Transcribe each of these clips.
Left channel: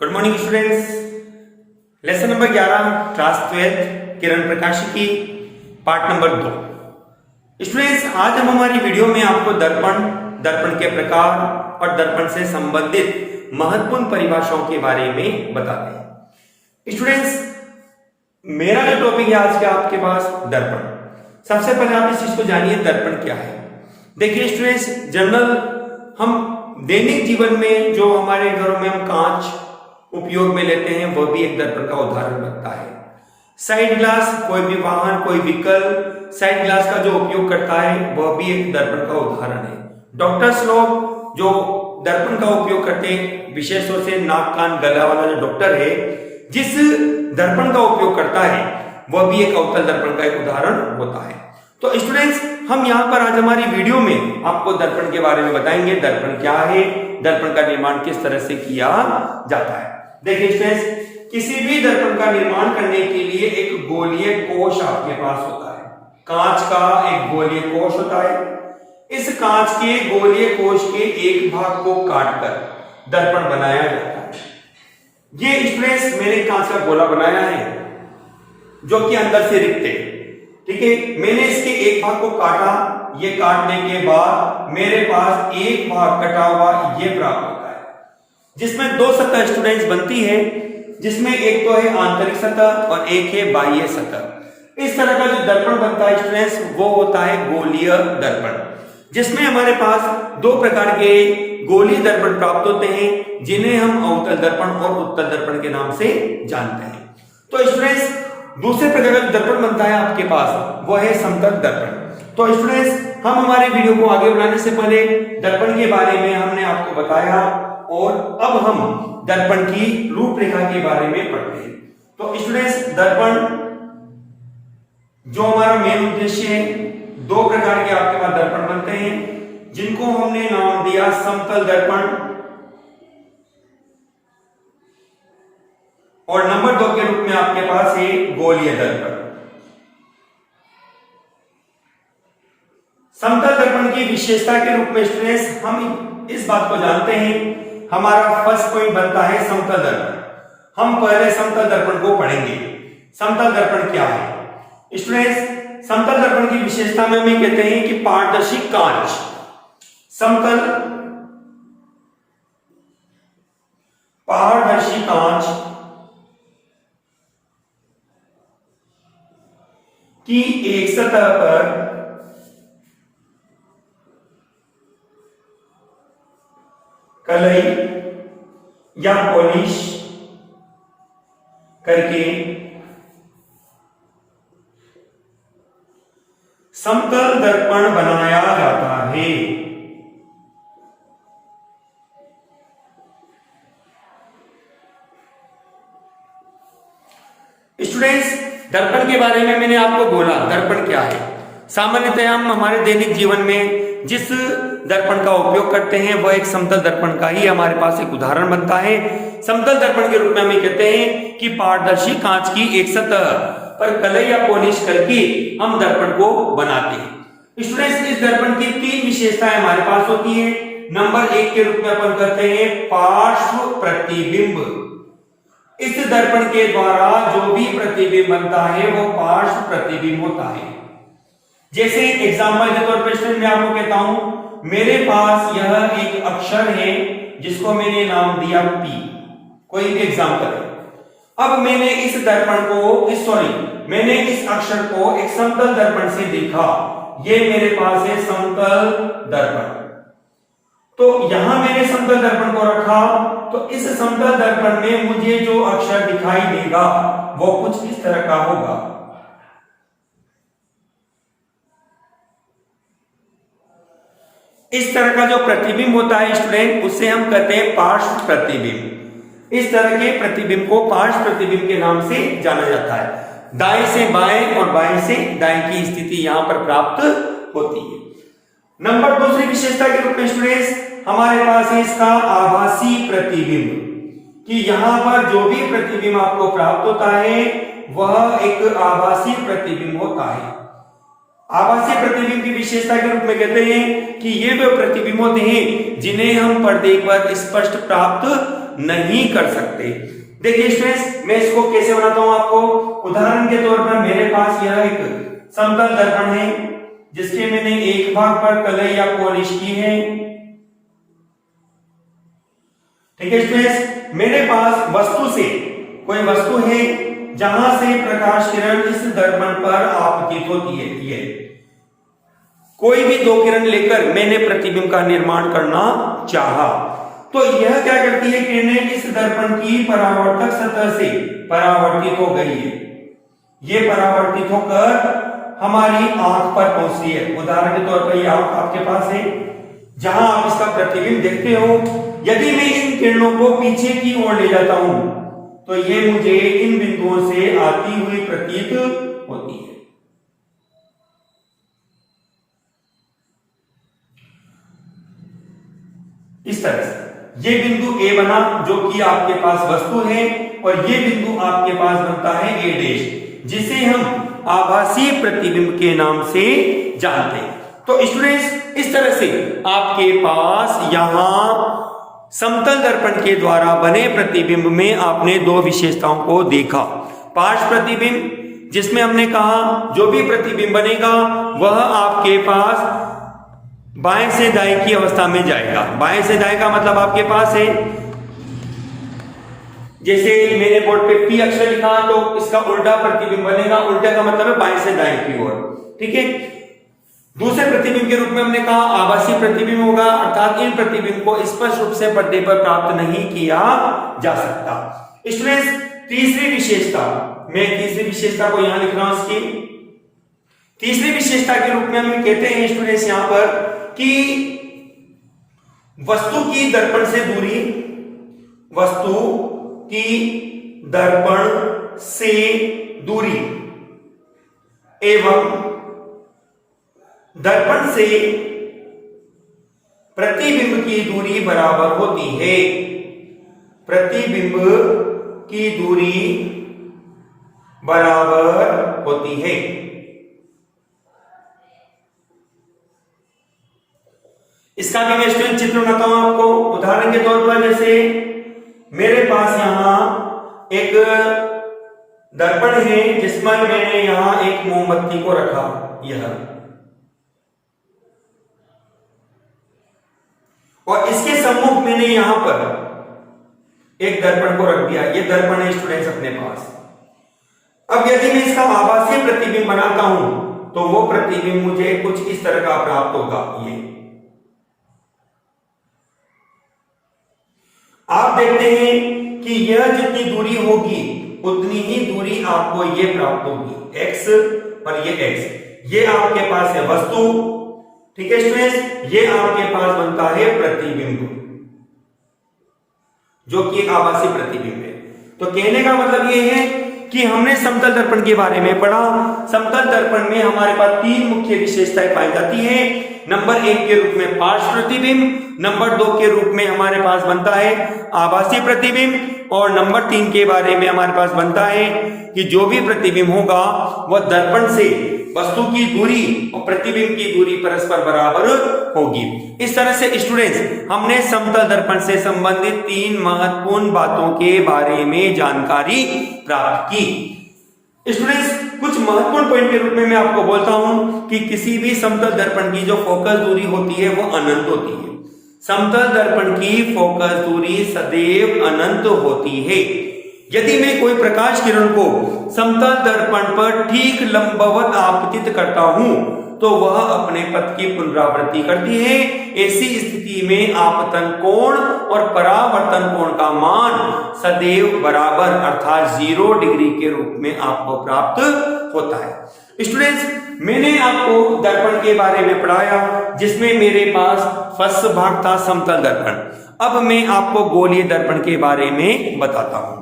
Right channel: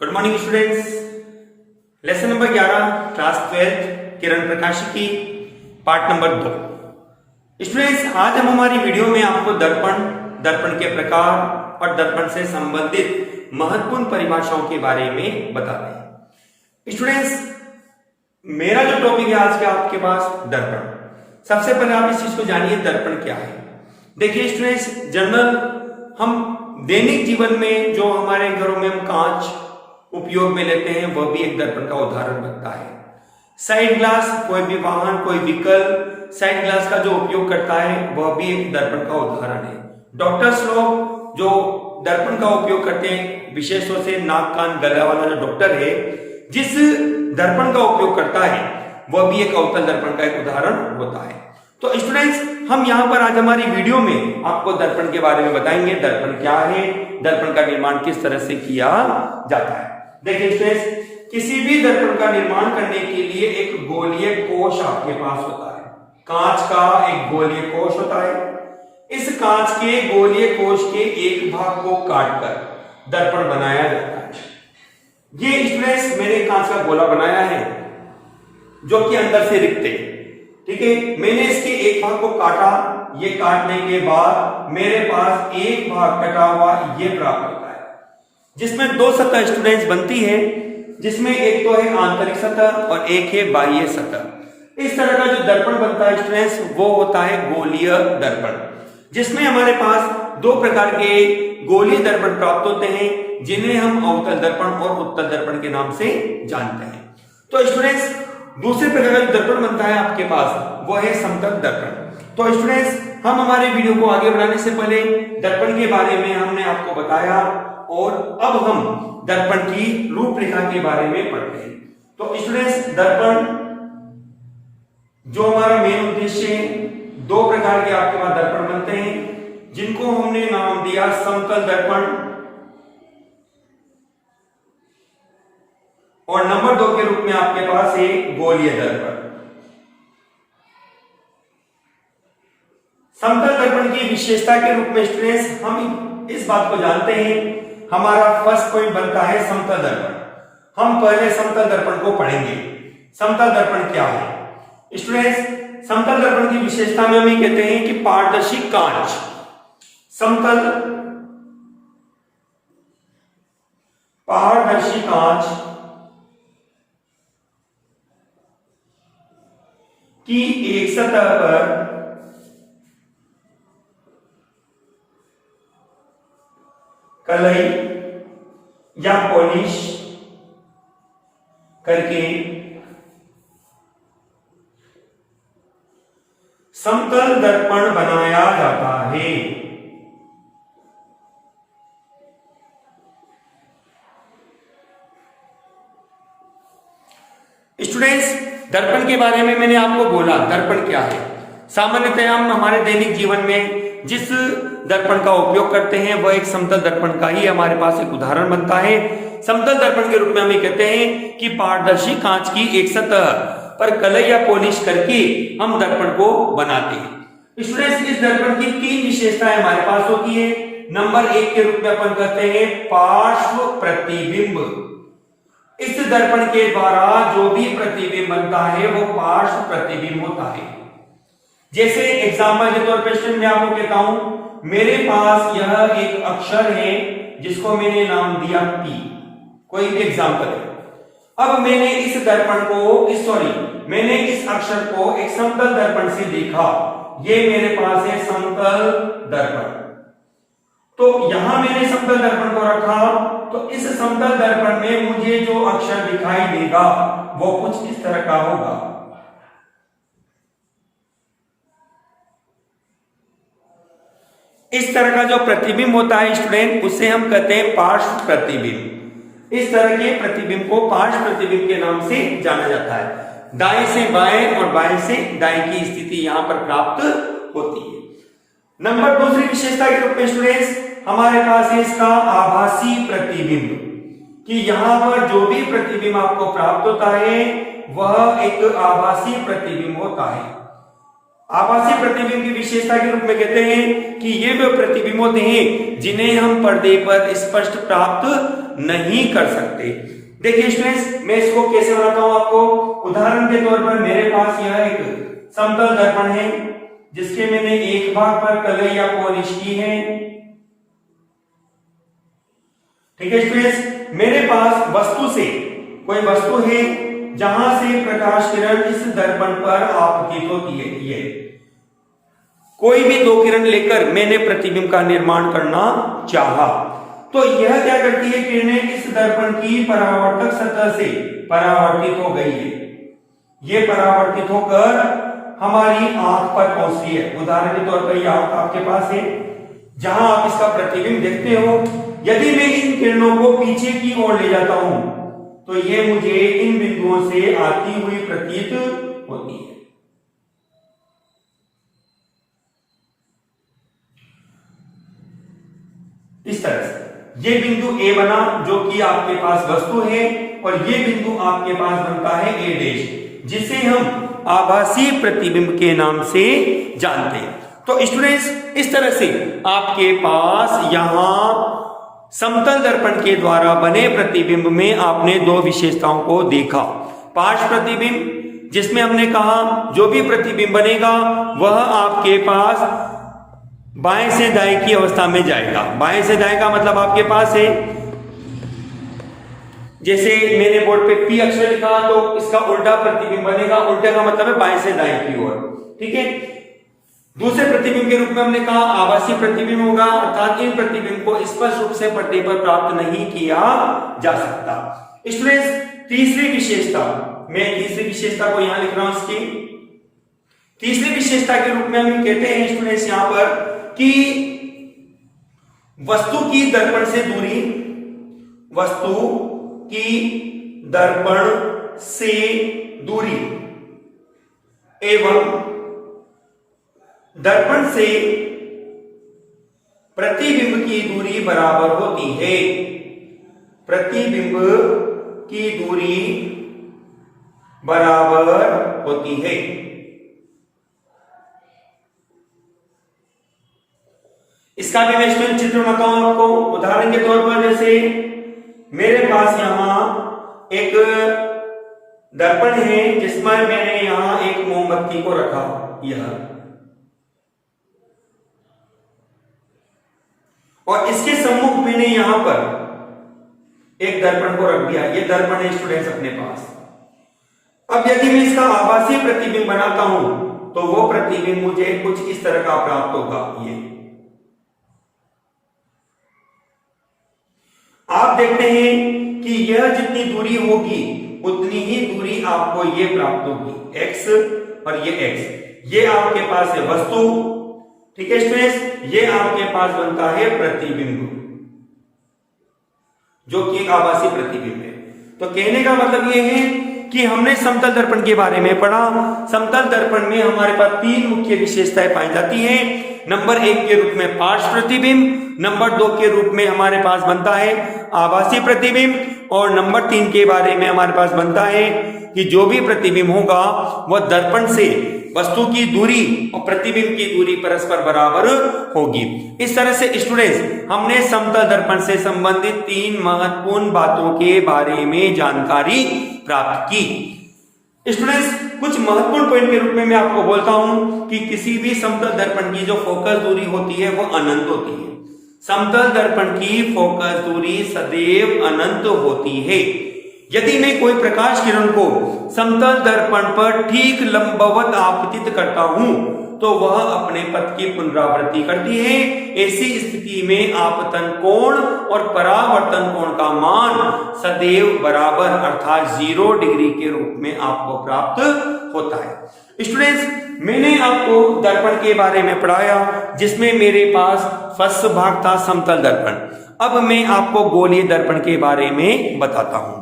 Good morning students. Lesson number 11 class 12 किरण प्रकाश की part number 2। Students, आज हम हमारी वीडियो में आपको दर्पण के प्रकार और दर्पण से संबंधित महत्वपूर्ण परिभाषाओं के बारे में बताते हैं। स्टूडेंट्स, मेरा जो टॉपिक है आज के आपके पास दर्पण। सबसे पहले आप इस चीज को जानिए, दर्पण क्या है। देखिए स्टूडेंट्स, जनरल हम दैनिक जीवन में जो हमारे घरों में हम कांच उपयोग में लेते हैं वह भी एक दर्पण का उदाहरण बनता है। साइड ग्लास, कोई भी वाहन, कोई व्हीकल साइड ग्लास का जो उपयोग करता है वह भी एक दर्पण का उदाहरण है। डॉक्टर्स लोग जो दर्पण का उपयोग करते हैं, विशेष तौर से नाक कान गला वाला जो डॉक्टर है, जिस दर्पण का उपयोग करता है वह भी एक अवतल दर्पण का एक उदाहरण होता है। तो स्टूडेंट्स, हम यहाँ पर आज हमारी वीडियो में आपको दर्पण के बारे में बताएंगे। दर्पण क्या है, दर्पण का निर्माण किस तरह से किया जाता है। देखिए स्टूडेंट्स, किसी भी दर्पण का निर्माण करने के लिए एक गोलीय कोश आपके पास होता है। कांच का एक गोलीय कोश होता है। इस कांच के गोलीय कोश के एक भाग को काटकर दर्पण बनाया जाता है। ये स्टूडेंट्स, मैंने कांच का गोला बनाया है जो कि अंदर से रिक्त है। ठीक है, मैंने इसके एक भाग को काटा। ये काटने के बाद मेरे पास एक भाग कटा हुआ ये प्राप्त होता है, जिसमें दो सतह स्टूडेंट्स बनती है, जिसमें एक तो है आंतरिक सतह और एक है बाह्य सतह। इस तरह का जो दर्पण बनता है स्टूडेंट्स, वो होता है गोलीय दर्पण, जिसमें हमारे पास दो प्रकार के गोलीय दर्पण प्राप्त होते हैं, जिन्हें हम अवतल दर्पण और उत्तल दर्पण के नाम से जानते हैं। तो स्टूडेंट्स, दूसरे प्रकार का दर्पण बनता है आपके पास, वो है समतल दर्पण। तो स्टूडेंट्स, हम हमारे वीडियो को आगे बढ़ाने से पहले दर्पण के बारे में हमने आपको बताया और अब हम दर्पण की रूपरेखा के बारे में पढ़ते हैं। तो स्टूडेंट्स, दर्पण जो हमारा मेन उद्देश्य है, दो प्रकार के आपके पास दर्पण बनते हैं, जिनको हमने नाम दिया समतल दर्पण और नंबर 2 के रूप में आपके पास है गोलीय दर्पण। समतल दर्पण की विशेषता के रूप में स्टूडेंट्स हम इस बात को जानते हैं, हमारा फर्स्ट पॉइंट बनता है समतल दर्पण। हम पहले समतल दर्पण को पढ़ेंगे। समतल दर्पण क्या है स्टूडेंट्स? समतल दर्पण की विशेषता में हम कहते हैं कि पारदर्शी कांच, समतल पारदर्शी कांच की एक सतह पर कलई या पॉलिश करके समतल दर्पण बनाया जाता है। स्टूडेंट्स, दर्पण के बारे में मैंने आपको बोला, दर्पण क्या है। सामान्यतः हम हमारे दैनिक जीवन में जिस दर्पण का उपयोग करते हैं वह एक समतल दर्पण का ही हमारे पास एक उदाहरण बनता है। समतल दर्पण के रूप में हम ये कहते हैं कि पारदर्शी कांच की एक सतह पर कलई या पॉलिश करके हम दर्पण को बनाते हैं। स्टूडेंट्स, इस दर्पण की 3 विशेषताएं हमारे पास होती है। नंबर 1 के रूप में अपन कहते हैं पार्श्व प्रतिबिंब। इस दर्पण के द्वारा जो भी प्रतिबिंब बनता है वो पार्श्व प्रतिबिंब होता है। जैसे एग्जांपल के तौर पर स्टूडेंट मैं आपको कहता हूं, मेरे पास यह एक अक्षर है जिसको मैंने नाम दिया P, कोई भी एग्जांपल है। अब मैंने इस दर्पण को मैंने इस अक्षर को एक समतल दर्पण से देखा, ये मेरे पास है समतल दर्पण। तो यहां मैंने समतल दर्पण को रखा, तो इस समतल दर्पण में मुझे जो अक्षर दिखाई देगा वो कुछ इस तरह का होगा। इस तरह का जो प्रतिबिंब होता है स्टूडेंट, उसे हम कहते हैं पार्श्व प्रतिबिंब। इस तरह के प्रतिबिंब को पार्श्व प्रतिबिंब के नाम से जाना जाता है। दाएं से बाएं और बाएं से दाएं की स्थिति यहां पर प्राप्त होती है। नंबर दूसरी विशेषता के रूप में स्टूडेंट्स हमारे पास है इसका आभासी प्रतिबिंब, कि यहां पर जो भी प्रतिबिंब आपको प्राप्त होता है वह एक आभासी प्रतिबिंब होता है। आभासी प्रतिबिंब की विशेषता के रूप में कहते हैं कि ये वे प्रतिबिंब होते हैं जिन्हें हम पर्दे पर स्पष्ट प्राप्त नहीं कर सकते। देखिए स्टूडेंट्स, मैं इसको कैसे बनाता हूं आपको। उदाहरण के तौर पर मेरे पास यह एक समतल दर्पण है जिसके मैंने एक भाग पर कलई या पॉलिश की है। ठीक है स्टूडेंट्स, मेरे पास वस्तु से कोई वस्तु है जहां से प्रकाश किरण इस दर्पण पर आपतित होती है। ये कोई भी दो किरण लेकर मैंने प्रतिबिंब का निर्माण करना चाहा, तो यह क्या करती है, किरणें इस दर्पण की परावर्तक सतह से परावर्तित हो गई है। ये परावर्तित होकर हमारी आंख पर पहुंच रही है। उदाहरण के तौर पर यह आंख आपके पास है जहां आप इसका प्रतिबिंब देखते हो। यदि मैं इन किरणों को पीछे की ओर ले जाता हूं तो ये मुझे इन बिंदुओं से आती हुई प्रतीत होती है। इस तरह से ये बिंदु ए बना जो कि आपके पास वस्तु है, और ये बिंदु आपके पास बनता है ए डैश, जिसे हम आभासी प्रतिबिंब के नाम से जानते हैं। तो स्टूडेंट्स, इस तरह से आपके पास यहां समतल दर्पण के द्वारा बने प्रतिबिंब में आपने दो विशेषताओं को देखा। पार्श्व प्रतिबिंब, जिसमें हमने कहा जो भी प्रतिबिंब बनेगा वह आपके पास बाएं से दाएं की अवस्था में जाएगा। बाएं से दाएं का मतलब आपके पास है, जैसे मैंने बोर्ड पे पी अक्षर लिखा तो इसका उल्टा प्रतिबिंब बनेगा। उल्टे का मतलब है बाएं से दाएं की ओर। ठीक है। दूसरे प्रतिबिंब के रूप में हमने कहा आभासी प्रतिबिंब होगा, अर्थात इन प्रतिबिंब को स्पष्ट रूप से पर्दे पर प्राप्त नहीं किया जा सकता। स्टूडेंट्स, तीसरी विशेषता, मैं तीसरी विशेषता को यहां लिख रहा हूं। इसकी तीसरी विशेषता के रूप में हम कहते हैं स्टूडेंट्स यहां पर कि वस्तु की दर्पण से दूरी, वस्तु की दर्पण से दूरी एवं दर्पण से प्रतिबिंब की दूरी बराबर होती है। प्रतिबिंब की दूरी बराबर होती है। इसका भी मैं स्टूडेंट चित्र बनाता हूं आपको। उदाहरण के तौर पर जैसे मेरे पास यहां एक दर्पण है जिसमें मैंने यहां एक मोमबत्ती को रखा, यह, और इसके सम्मुख मैंने यहां पर एक दर्पण को रख दिया। ये दर्पण है स्टूडेंट्स अपने पास। अब यदि मैं इसका आभासी प्रतिबिंब बनाता हूं तो वो प्रतिबिंब मुझे कुछ इस तरह का प्राप्त होगा। ये आप देखते हैं कि यह जितनी दूरी होगी उतनी ही दूरी आपको ये प्राप्त होगी, x और ये x। ये आपके पास है वस्तु। ठीक है स्टूडेंट्स, ये आपके पास बनता है प्रतिबिंब, जो कि एक आभासी प्रतिबिंब है। तो कहने का मतलब ये है कि हमने समतल दर्पण के बारे में पढ़ा। समतल दर्पण में हमारे पास तीन मुख्य विशेषताएं पाई जाती है। नंबर 1 के रूप में पार्श्व प्रतिबिंब, नंबर 2 के रूप में हमारे पास बनता है आभासी प्रतिबिंब, और नंबर 3 के बारे में हमारे पास बनता है कि जो भी प्रतिबिंब होगा वह दर्पण से वस्तु की दूरी और प्रतिबिंब की दूरी परस्पर बराबर होगी। इस तरह से स्टूडेंट्स, हमने समतल दर्पण से संबंधित 3 महत्वपूर्ण बातों के बारे में जानकारी प्राप्त की। स्टूडेंट्स, कुछ महत्वपूर्ण पॉइंट के रूप में मैं आपको बोलता हूं कि किसी भी समतल दर्पण की जो फोकस दूरी होती है वो अनंत होती है। समतल दर्पण की फोकस दूरी सदैव अनंत होती है। यदि मैं कोई प्रकाश किरण को समतल दर्पण पर ठीक लंबवत आपतित करता हूं तो वह अपने पथ की पुनरावृत्ति करती है। ऐसी स्थिति में आपतन कोण और परावर्तन कोण का मान सदैव बराबर अर्थात 0 डिग्री के रूप में आपको प्राप्त होता है। स्टूडेंट्स, मैंने आपको दर्पण के बारे में पढ़ाया जिसमें मेरे पास फर्स्ट भाग था समतल दर्पण। अब मैं आपको गोलीय दर्पण के बारे में बताता हूं।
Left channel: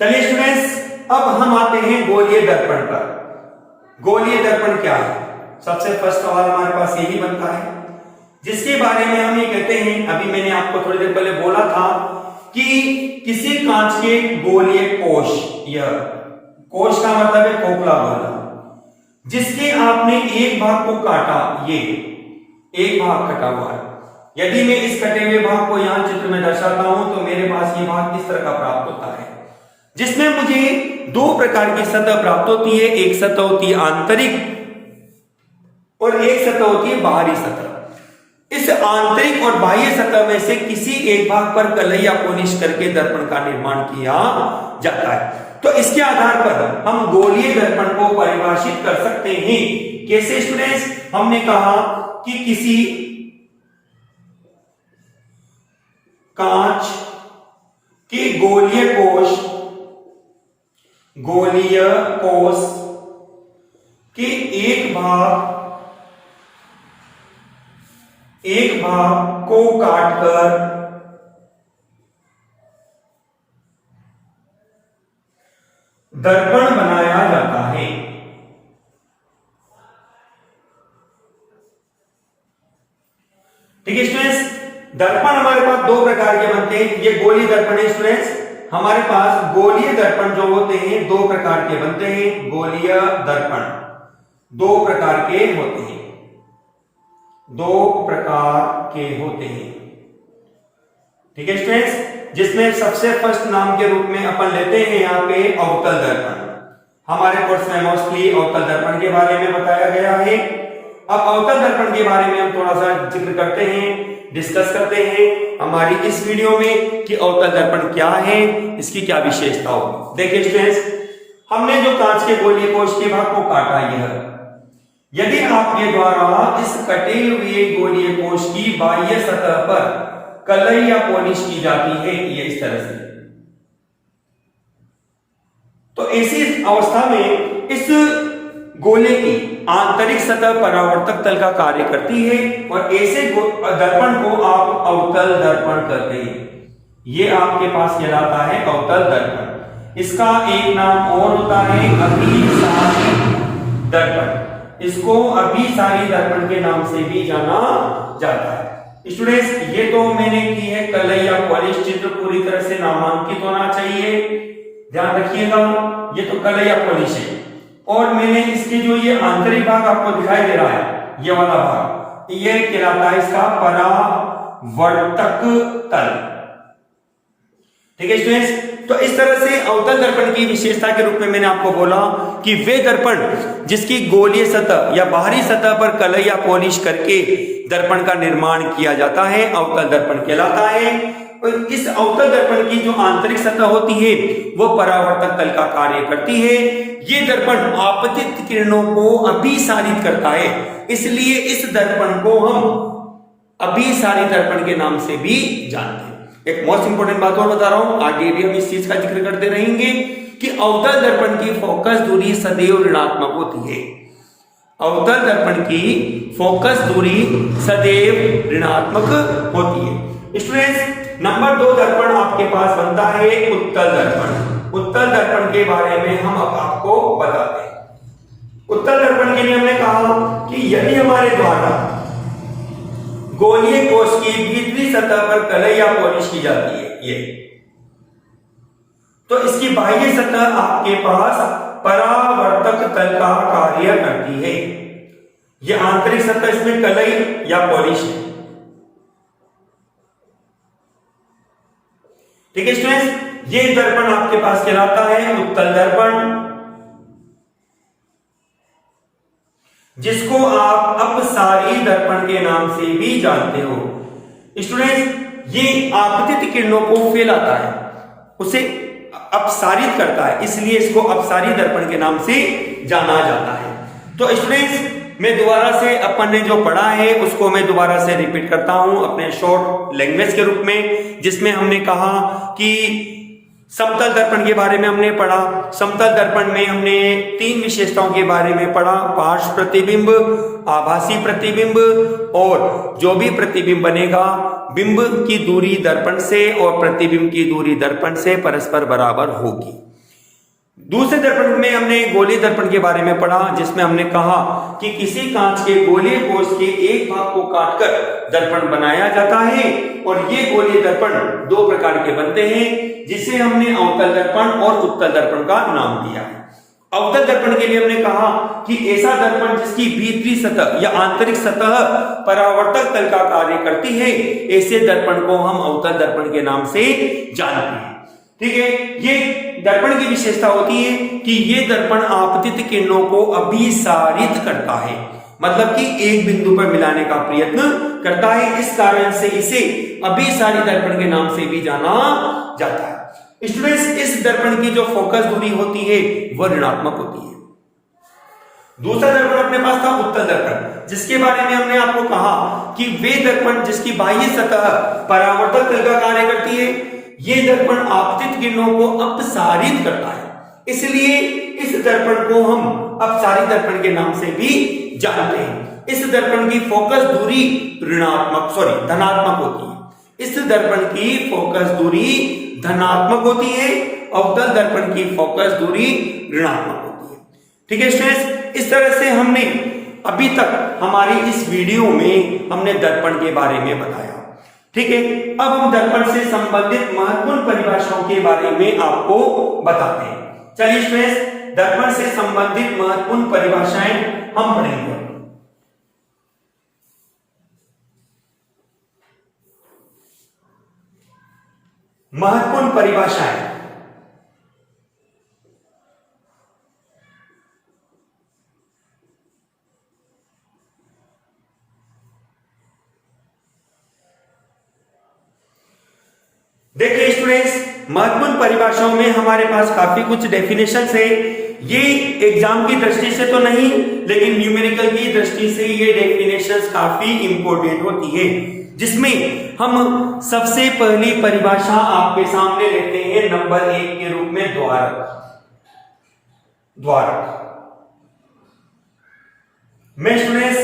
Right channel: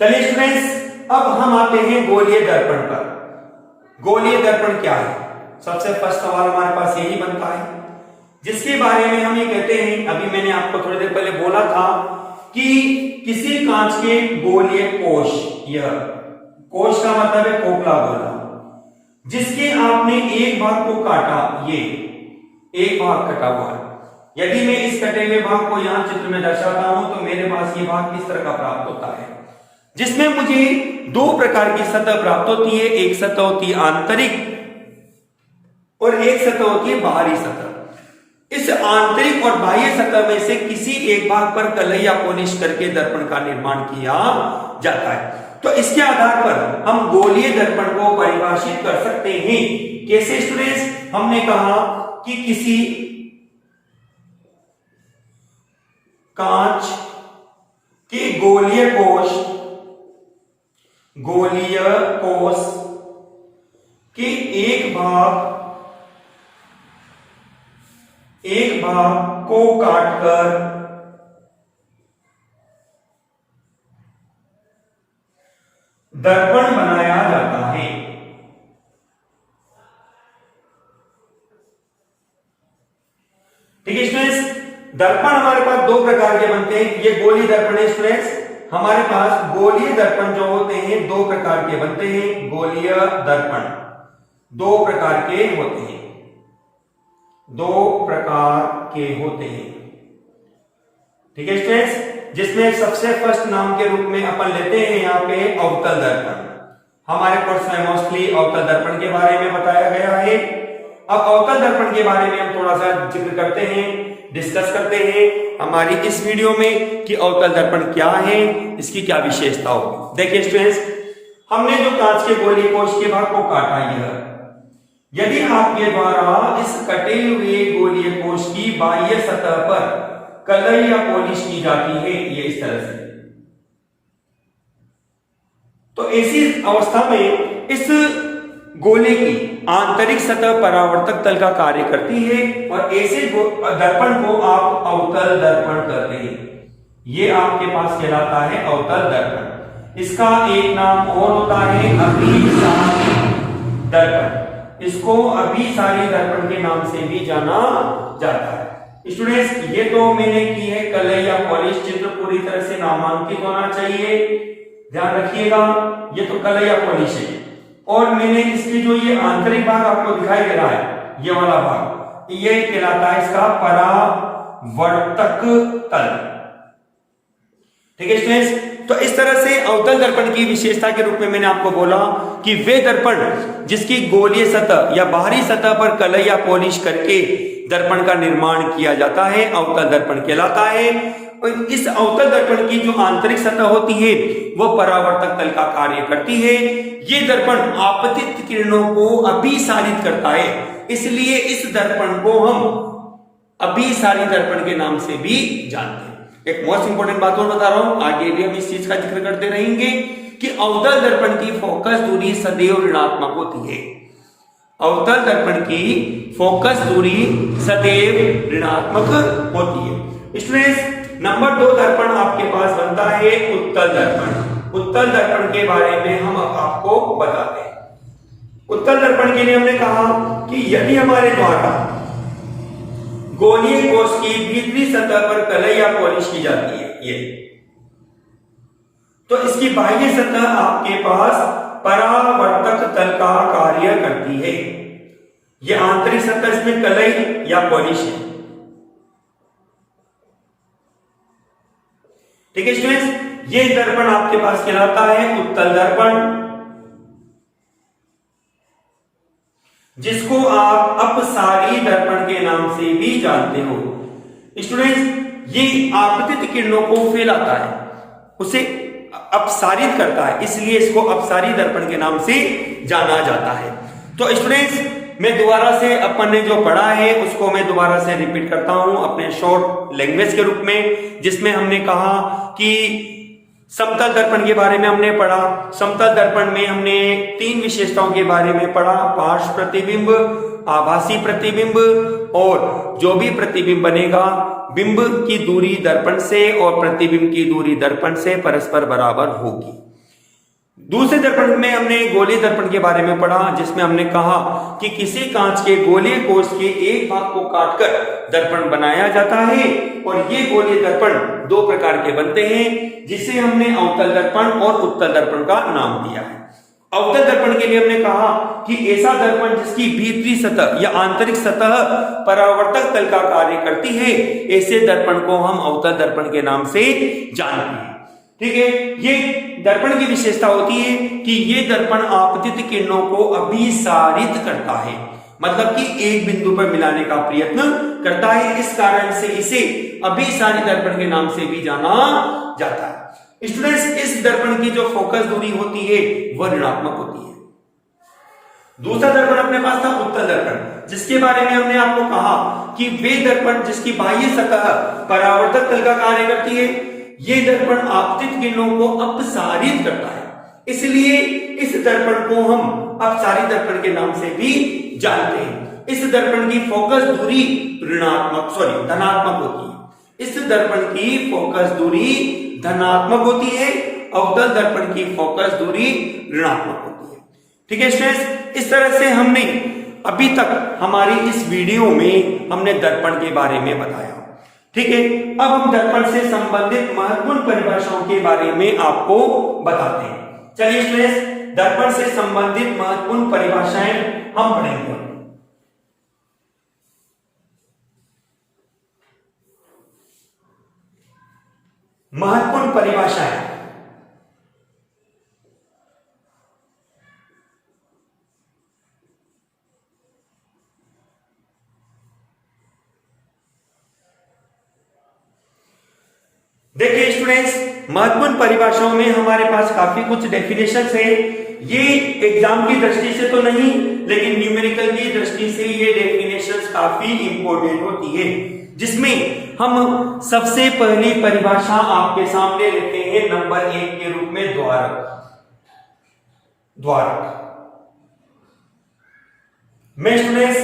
चलिए स्टूडेंट्स, अब हम आते हैं गोलीय दर्पण पर। गोलीय दर्पण क्या है? सबसे फर्स्ट सवाल हमारे पास यही बनता है, जिसके बारे में हम ये कहते हैं, अभी मैंने आपको थोड़ी देर पहले बोला था कि किसी कांच के गोलीय कोश, यह कोश का मतलब है खोखला गोला, जिसके आपने एक भाग को काटा, ये एक भाग कटा हुआ है। यदि मैं इस कटे हुए भाग को यहां चित्र में दर्शाता हूं तो मेरे पास ये भाग किस तरह का प्राप्त होता है, जिसमें मुझे दो प्रकार की सतह प्राप्त होती है। एक सतह होती है आंतरिक और एक सतह होती है बाहरी सतह। इस आंतरिक और बाह्य सतह में से किसी एक भाग पर कलई या पॉलिश करके दर्पण का निर्माण किया जाता है। तो इसके आधार पर हम गोलीय दर्पण को परिभाषित कर सकते हैं। कैसे स्टूडेंट्स? हमने कहा कि किसी कांच के गोलीय कोश के एक भाग को काटकर दर्पण बनाया जाता है। ठीक है स्टूडेंट्स, दर्पण हमारे पास दो प्रकार के बनते हैं। ये गोलीय दर्पण है स्टूडेंट्स। हमारे पास गोलीय दर्पण जो होते हैं दो प्रकार के बनते हैं। गोलीय दर्पण दो प्रकार के होते हैं, ठीक है स्टूडेंट्स, जिसमें सबसे फर्स्ट नाम के रूप में अपन लेते हैं यहाँ पे अवतल दर्पण। हमारे कोर्स में मोस्टली अवतल दर्पण के बारे में बताया गया है। अब अवतल दर्पण के बारे में हम थोड़ा सा जिक्र करते हैं, डिस्कस करते हैं हमारी इस वीडियो में कि अवतल दर्पण क्या है, इसकी क्या विशेषता होगी। देखिए स्टूडेंट्स, हमने जो कांच के गोलीय कोश के भाग को काटा, यदि आपके द्वारा इस कटे हुए गोलीय कोश की बाह्य सतह पर कलई या पॉलिश की जाती है, ये इस तरह से, तो ऐसी अवस्था में इस गोले की आंतरिक सतह परावर्तक तल का कार्य करती है और ऐसे दर्पण को आप अवतल दर्पण कहते हैं। ये आपके पास कहलाता है अवतल दर्पण। इसका एक नाम और होता है अभिसारी दर्पण। इसको अभिसारी दर्पण के नाम से भी जाना जाता है। स्टूडेंट्स, ये तो मैंने की है कलई या पॉलिश। चित्र पूरी तरह से नामांकित होना चाहिए, ध्यान रखिएगा। ये तो कलई या पॉलिश है और मैंने इसके जो ये आंतरिक भाग आपको दिखाई दे रहा है, ये वाला भाग, ये कहलाता है इसका परावर्तक तल। ठीक है स्टूडेंट्स, तो इस तरह से अवतल दर्पण की विशेषता के रूप में मैंने आपको बोला कि वे दर्पण जिसकी गोलीय सतह या बाहरी सतह पर कलई या पॉलिश करके दर्पण का निर्माण किया जाता है, अवतल दर्पण कहलाता है। इस अवतल दर्पण की जो आंतरिक सतह होती है वह परावर्तक तल का कार्य करती है। ये दर्पण आपतित किरणों को अभिसारित करता है, इसलिए इस दर्पण को हम अभिसारी दर्पण के नाम से भी जानते हैं। एक मोस्ट इंपोर्टेंट बात और बता रहा हूं, आगे भी हम इस चीज का जिक्र करते रहेंगे कि अवतल दर्पण की फोकस दूरी सदैव ऋणात्मक होती है। अवतल दर्पण की फोकस दूरी सदैव ऋणात्मक होती है। स्टूडेंट्स, नंबर 2 दर्पण आपके पास बनता है उत्तल दर्पण। उत्तल दर्पण के बारे में हम अब आपको बताते हैं। उत्तल दर्पण के लिए हमने कहा कि यदि हमारे द्वारा गोलीय कोश की भीतरी सतह पर कलई या पॉलिश की जाती है, ये तो इसकी बाह्य सतह आपके पास परावर्तक तल का कार्य करती है। यह आंतरिक सतह इसमें कलई या पॉलिश है। ठीक है स्टूडेंट्स, ये दर्पण आपके पास कहलाता है उत्तल दर्पण, जिसको आप अपसारी दर्पण के नाम से भी जानते हो। स्टूडेंट्स, ये आपतित किरणों को फैलाता है, उसे अपसारित करता है, इसलिए इसको अपसारी दर्पण के नाम से जाना जाता है। तो स्टूडेंट्स, मैं दोबारा से अपन ने जो पढ़ा है उसको मैं दोबारा से रिपीट करता हूं अपने शॉर्ट लैंग्वेज के रूप में, जिसमें हमने कहा कि समतल दर्पण के बारे में हमने पढ़ा। समतल दर्पण में हमने 3 विशेषताओं के बारे में पढ़ा, पार्श्व प्रतिबिंब, आभासी प्रतिबिंब और जो भी प्रतिबिंब बनेगा बिंब की दूरी दर्पण से और प्रतिबिंब की दूरी दर्पण से परस्पर बराबर होगी। दूसरे दर्पण में हमने गोलीय दर्पण के बारे में पढ़ा, जिसमें हमने कहा कि किसी कांच के गोलीय कोष के एक भाग को काटकर दर्पण बनाया जाता है और ये गोलीय दर्पण 2 प्रकार के बनते हैं, जिसे हमने अवतल दर्पण और उत्तल दर्पण का नाम दिया है। अवतल दर्पण के लिए हमने कहा कि ऐसा दर्पण जिसकी भीतरी सतह या आंतरिक सतह परावर्तक तल का कार्य करती है, ऐसे दर्पण को हम अवतल दर्पण के नाम से जानते हैं। ठीक है, ये दर्पण की विशेषता होती है कि ये दर्पण आपतित किरणों को अभिसारित करता है, मतलब कि एक बिंदु पर मिलाने का प्रयत्न करता है। इस कारण से इसे अभिसारी दर्पण के नाम से भी जाना जाता है। स्टूडेंट्स, इस दर्पण की जो फोकस दूरी होती है वह ऋणात्मक होती है। दूसरा दर्पण अपने पास था उत्तल दर्पण, जिसके बारे में हमने आपको कहा कि वे दर्पण जिसकी बाह्य सतह परावर्तक तल का कार्य करती है, ये दर्पण आपतित किरणों को अपसारित करता है, इसलिए इस दर्पण को हम अपसारी दर्पण के नाम से भी जानते हैं। इस दर्पण की फोकस दूरी धनात्मक होती है। इस दर्पण की फोकस दूरी धनात्मक होती है, अवतल दर्पण की फोकस दूरी ऋणात्मक होती है। ठीक है स्टूडेंट्स, इस तरह से हमने अभी तक हमारी इस वीडियो में हमने दर्पण के बारे में बताया। ठीक है, अब हम दर्पण से संबंधित महत्वपूर्ण परिभाषाओं के बारे में आपको बताते हैं। चलिए स्टूडेंट्स, दर्पण से संबंधित महत्वपूर्ण परिभाषाएं हम पढ़ेंगे। महत्वपूर्ण परिभाषाएं। देखिए स्टूडेंट्स, महत्वपूर्ण परिभाषाओं में हमारे पास काफी कुछ डेफिनेशंस है। ये एग्जाम की दृष्टि से तो नहीं, लेकिन न्यूमेरिकल की दृष्टि से ये डेफिनेशंस काफी इंपॉर्टेंट होती है, जिसमें हम सबसे पहली परिभाषा आपके सामने लेते हैं नंबर 1 के रूप में द्वारक। मैं स्टूडेंट्स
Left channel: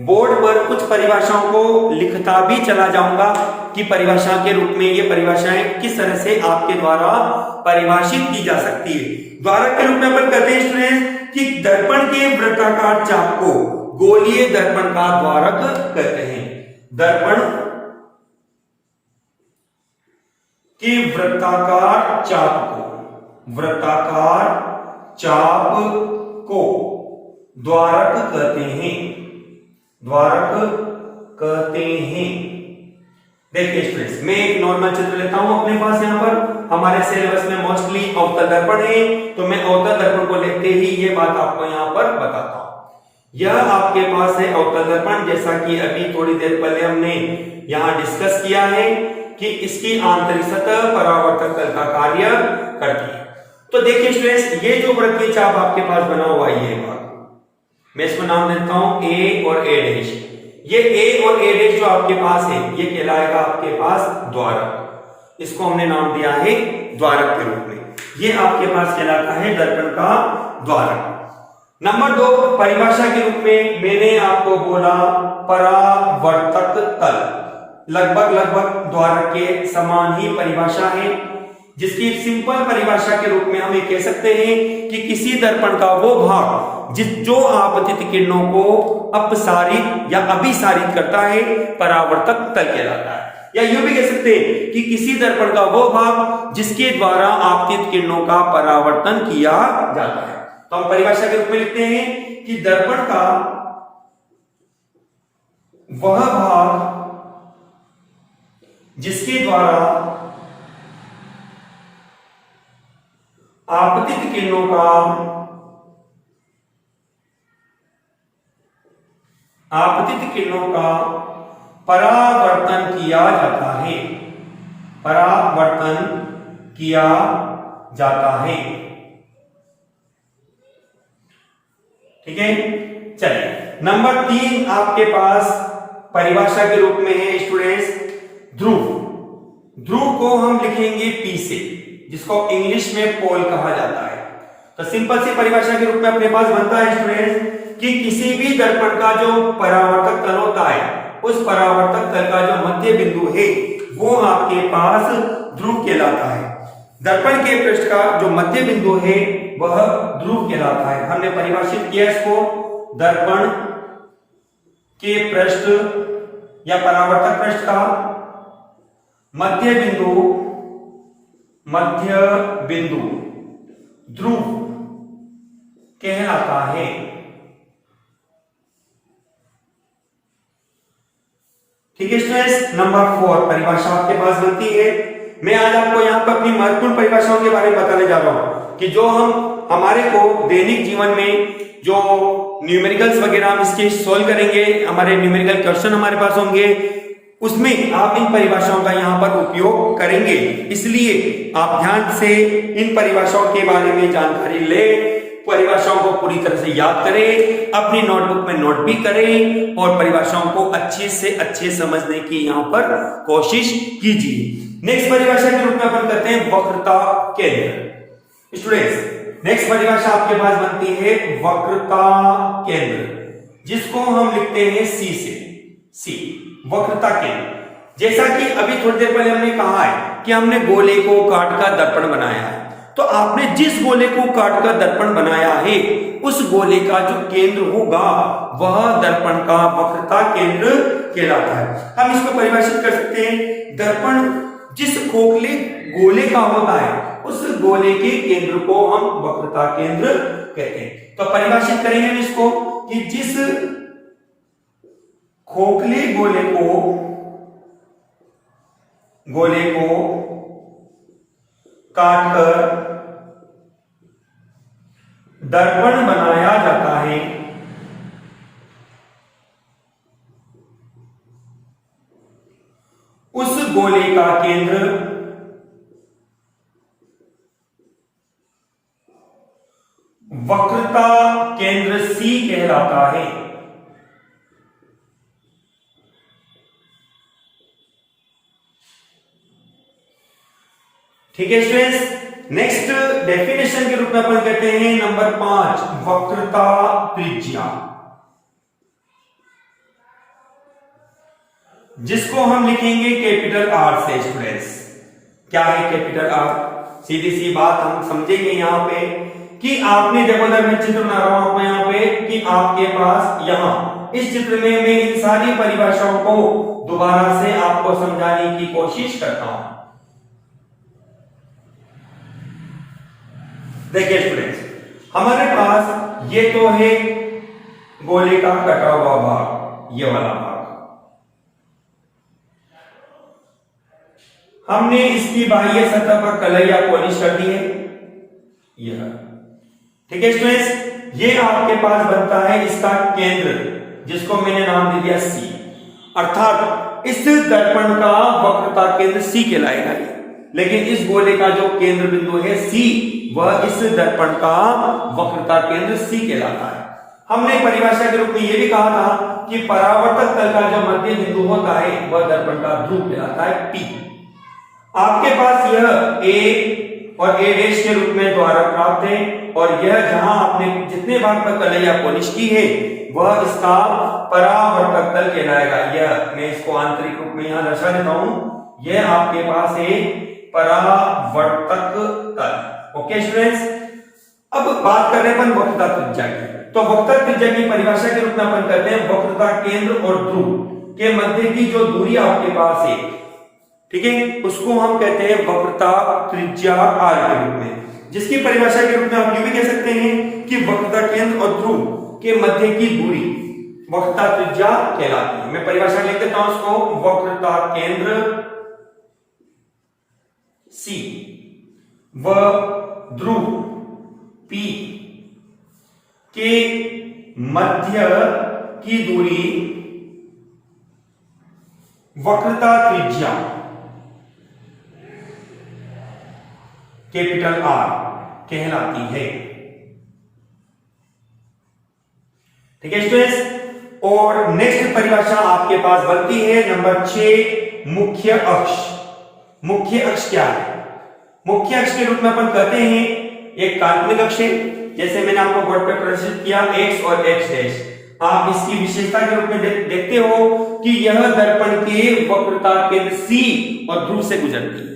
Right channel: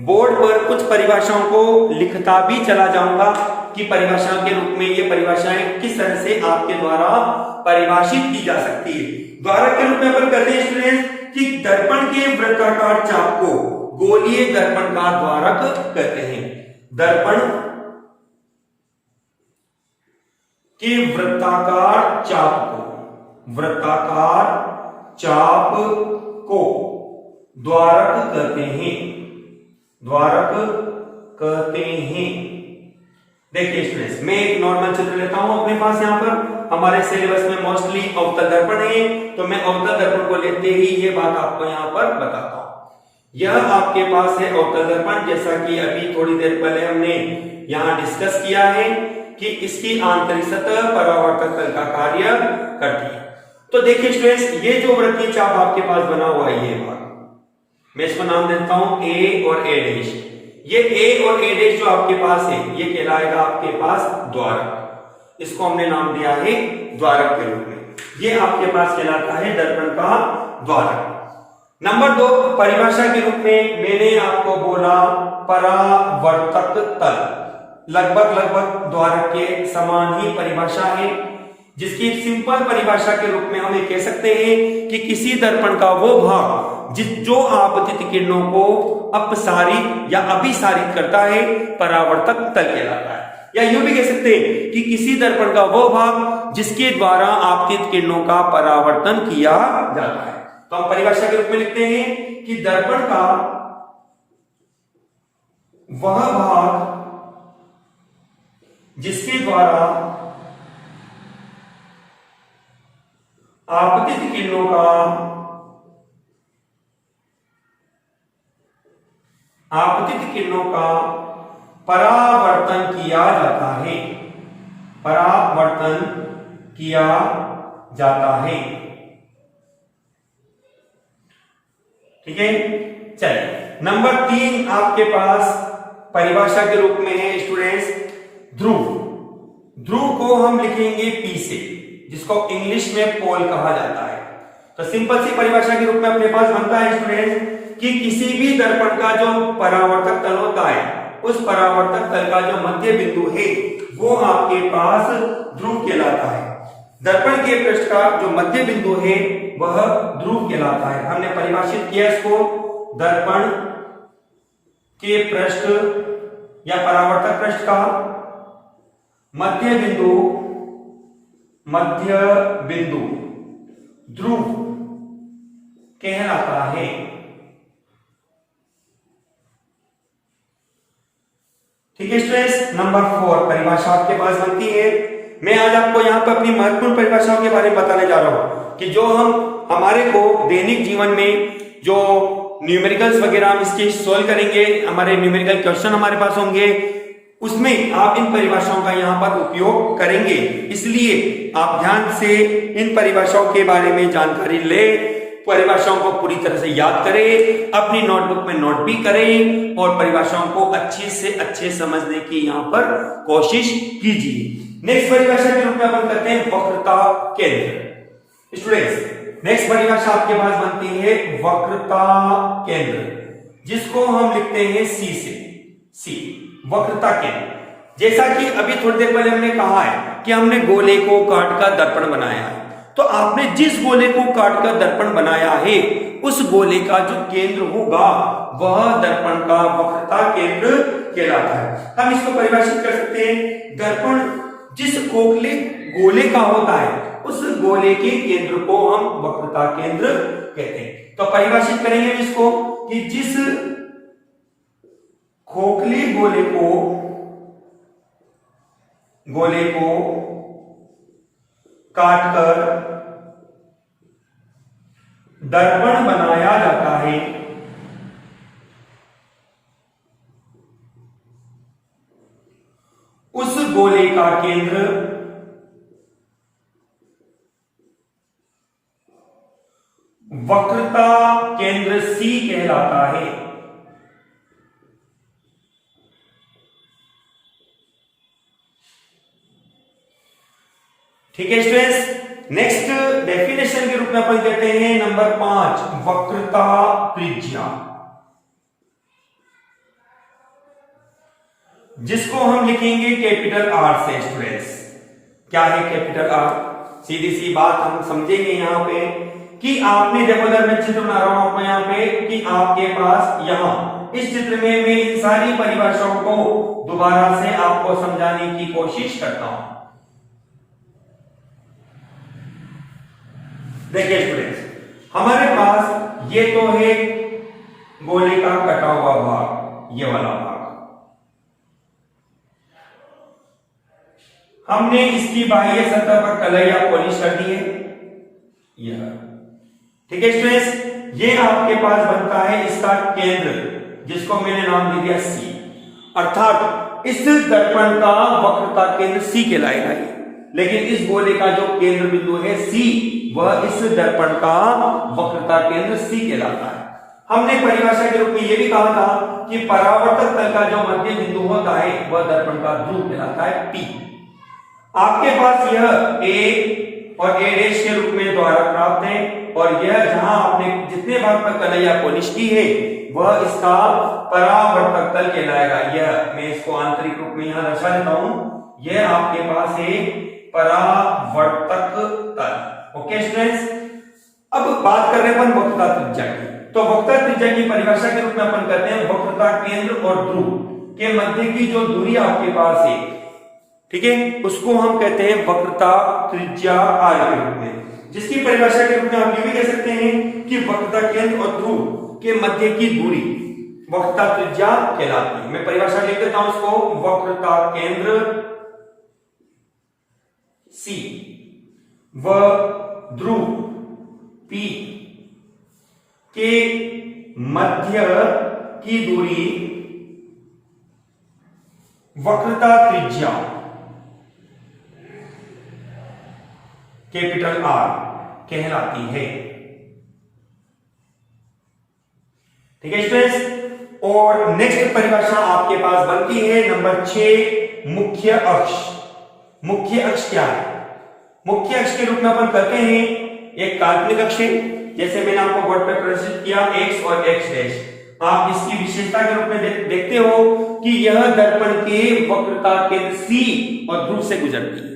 बोर्ड पर कुछ परिभाषाओं को लिखता भी चला जाऊंगा कि परिभाषा के रूप में ये परिभाषाएं किस तरह से आपके द्वारा परिभाषित की जा सकती है। द्वारक के रूप में अपन कहते हैं स्टूडेंट कि दर्पण के वृत्ताकार चाप को गोलीय दर्पण का द्वारक कहते हैं। दर्पण के वृत्ताकार चाप को द्वारक कहते हैं। देखिए स्टूडेंट्स, मैं एक नॉर्मल चित्र लेता हूं अपने पास। यहां पर हमारे सिलेबस में मोस्टली अवतल दर्पण है, तो मैं अवतल दर्पण को लेते ही ये बात आपको यहां पर बताता हूं। यह आपके पास है अवतल दर्पण, जैसा कि अभी थोड़ी देर पहले हमने यहां डिस्कस किया है कि इसकी आंतरिक सतह परावर्तक तल का कार्य करती है। तो देखिए स्टूडेंट्स, ये जो वृत्तीय चाप आपके पास बना हुआ है, ये भाग मैं इसको नाम देता हूं ए और ए डैश। ये ए और ए डैश जो आपके पास है, ये कहलाएगा आपके पास द्वारक। इसको हमने नाम दिया है द्वारक के रूप में। ये आपके पास कहलाता है दर्पण का द्वारक। नंबर 2 परिभाषा के रूप में मैंने आपको बोला परावर्तक तल। लगभग द्वारक के समान ही परिभाषा है, जिसकी सिंपल परिभाषा के रूप में हम ये कह सकते हैं कि किसी दर्पण का वो भाग जो आपतित किरणों को अपसारित या अभिसारित करता है, परावर्तक तल कहलाता है। या यूं भी कह सकते हैं कि किसी दर्पण का वो भाग जिसके द्वारा आपतित किरणों का परावर्तन किया जाता है। तो हम परिभाषा के रूप में लिखते हैं कि दर्पण का वह भाग जिसके द्वारा आपतित किरणों का परावर्तन किया जाता है। ठीक है, चलिए नंबर 3 आपके पास परिभाषा के रूप में है स्टूडेंट्स ध्रुव। ध्रुव को हम लिखेंगे P से, जिसको इंग्लिश में पोल कहा जाता है। तो सिंपल सी परिभाषा के रूप में अपने पास बनता है स्टूडेंट्स कि किसी भी दर्पण का जो परावर्तक तल होता है, उस परावर्तक तल का जो मध्य बिंदु है वो आपके पास ध्रुव कहलाता है। दर्पण के पृष्ठ का जो मध्य बिंदु है वह ध्रुव कहलाता है। हमने परिभाषित किया इसको, दर्पण के पृष्ठ या परावर्तक पृष्ठ का मध्य बिंदु ध्रुव कहलाता है। ठीक है स्टूडेंट्स, नंबर 4 परिभाषा आपके पास बनती है। मैं आज आपको यहाँ पर अपनी महत्वपूर्ण परिभाषाओं के बारे में बताने जा रहा हूं कि जो हमारे को दैनिक जीवन में जो न्यूमेरिकल्स वगैरह हम इसके सॉल्व करेंगे, हमारे न्यूमेरिकल क्वेश्चन हमारे पास होंगे, उसमें आप इन परिभाषाओं का यहाँ पर उपयोग करेंगे। इसलिए आप ध्यान से इन परिभाषाओं के बारे में जानकारी ले, परिभाषाओं को पूरी तरह से याद करें, अपनी नोटबुक में नोट भी करें और परिभाषाओं को अच्छे से अच्छे समझने की यहाँ पर कोशिश कीजिए। नेक्स्ट परिभाषा के रूप में अपन करते हैं वक्रता केंद्र। स्टूडेंट्स, नेक्स्ट परिभाषा आपके पास बनती है वक्रता केंद्र, जिसको हम लिखते हैं C से। C वक्रता केंद्र। जैसा कि अभी थोड़ी देर पहले हमने कहा है कि हमने गोले को काट कर दर्पण बनाया है, तो आपने जिस गोले को काट कर दर्पण बनाया है उस गोले का जो केंद्र होगा वह दर्पण का वक्रता केंद्र कहलाता है। हम इसको परिभाषित कर सकते हैं, दर्पण जिस खोखले गोले का होता है उस गोले के केंद्र को हम वक्रता केंद्र कहते हैं। तो परिभाषित करेंगे इसको कि जिस खोखले गोले को काटकर दर्पण बनाया जाता है उस गोले का केंद्र वक्रता केंद्र C कहलाता है। ठीक है स्टूडेंट्स, नेक्स्ट डेफिनेशन के रूप में अपन कहते हैं नंबर 5 वक्रता त्रिज्या, जिसको हम लिखेंगे कैपिटल R से। स्टूडेंट्स, क्या है कैपिटल R? सीधी सी बात हम समझेंगे यहाँ पे कि आपने देखो, मैं चित्र बना रहा हूं आपको यहाँ पे कि आपके पास यहाँ इस चित्र में मैं इन सारी परिभाषाओं को दोबारा से आपको समझाने की कोशिश करता हूं। देखिए स्टूडेंट्स, हमारे पास ये तो है गोले का कटा हुआ भाग, ये वाला भाग हमने इसकी बाह्य सतह पर कलई या पॉलिश कर दी है, यह। ठीक है स्टूडेंट्स, ये आपके पास बनता है इसका केंद्र, जिसको मैंने नाम दे दिया C, अर्थात इस दर्पण का वक्रता केंद्र C कहलाएगा। लेकिन इस गोले का जो केंद्र बिंदु है C, वह इस दर्पण का वक्रता केंद्र C कहलाता है। हमने परिभाषा के रूप में यह भी कहा था कि परावर्तक तल का जो मध्य बिंदु होता है वह दर्पण का ध्रुव कहलाता है P। आपके पास यह A और A' के रूप में द्वारक प्राप्त है, और यह जहां आपने जितने भाग पर कलई या पॉलिश की है वह इसका परावर्तक तल कहलाएगा। यह मैं इसको आंतरिक रूप में यहां दर्शा देता हूं, यह आपके पास है परावर्तक तल। ओके स्टूडेंट्स, अब बात कर रहे हैं अपन वक्रता त्रिज्या की। तो वक्रता त्रिज्या की परिभाषा के रूप में अपन कहते हैं वक्रता केंद्र और ध्रुव के मध्य की जो दूरी आपके पास है, ठीक है, उसको हम कहते हैं वक्रता त्रिज्या R के रूप में, जिसकी परिभाषा के रूप में आप ये भी कह सकते हैं कि वक्रता केंद्र और ध्रुव के मध्य की दूरी वक्रता त्रिज्या कहलाती है। मैं परिभाषा लिख देता हूं उसको, वक्रता केंद्र C व ध्रुव P के मध्य की दूरी वक्रता त्रिज्या कैपिटल R कहलाती है। ठीक है स्टूडेंट्स, और नेक्स्ट परिभाषा आपके पास बनती है नंबर 6, मुख्य अक्ष। मुख्य अक्ष क्या है? मुख्य अक्ष के रूप में अपन कहते हैं एक काल्पनिक अक्ष है, जैसे मैंने आपको बोर्ड पर प्रदर्शित किया x और x डैश। आप इसकी विशेषता के रूप में देखते हो कि यह दर्पण के वक्रता केंद्र C और ध्रुव से गुजरती है।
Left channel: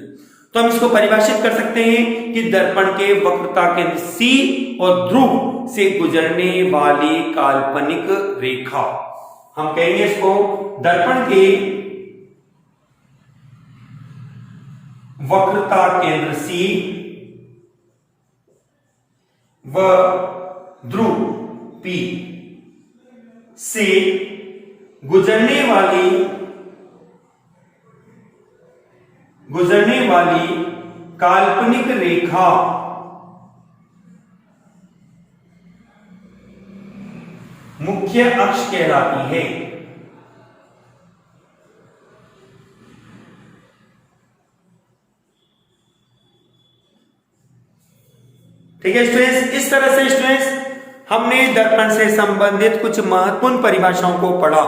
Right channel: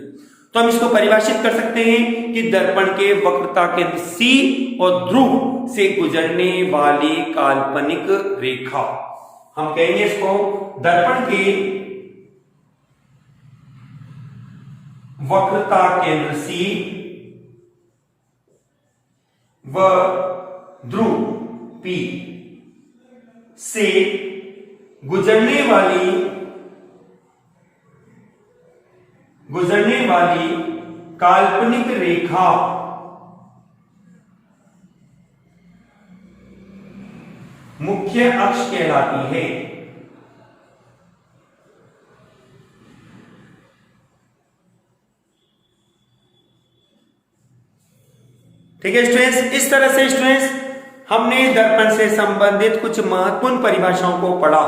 तो हम इसको परिभाषित कर सकते हैं कि दर्पण के वक्रता केंद्र C और ध्रुव से गुजरने वाली काल्पनिक रेखा, हम कहेंगे इसको दर्पण के वक्रता केंद्र C व ध्रुव P से गुजरने वाली काल्पनिक रेखा मुख्य अक्ष कहलाती है। ठीक है स्टूडेंट्स, इस तरह से स्टूडेंट्स हमने दर्पण से संबंधित कुछ महत्वपूर्ण परिभाषाओं को पढ़ा,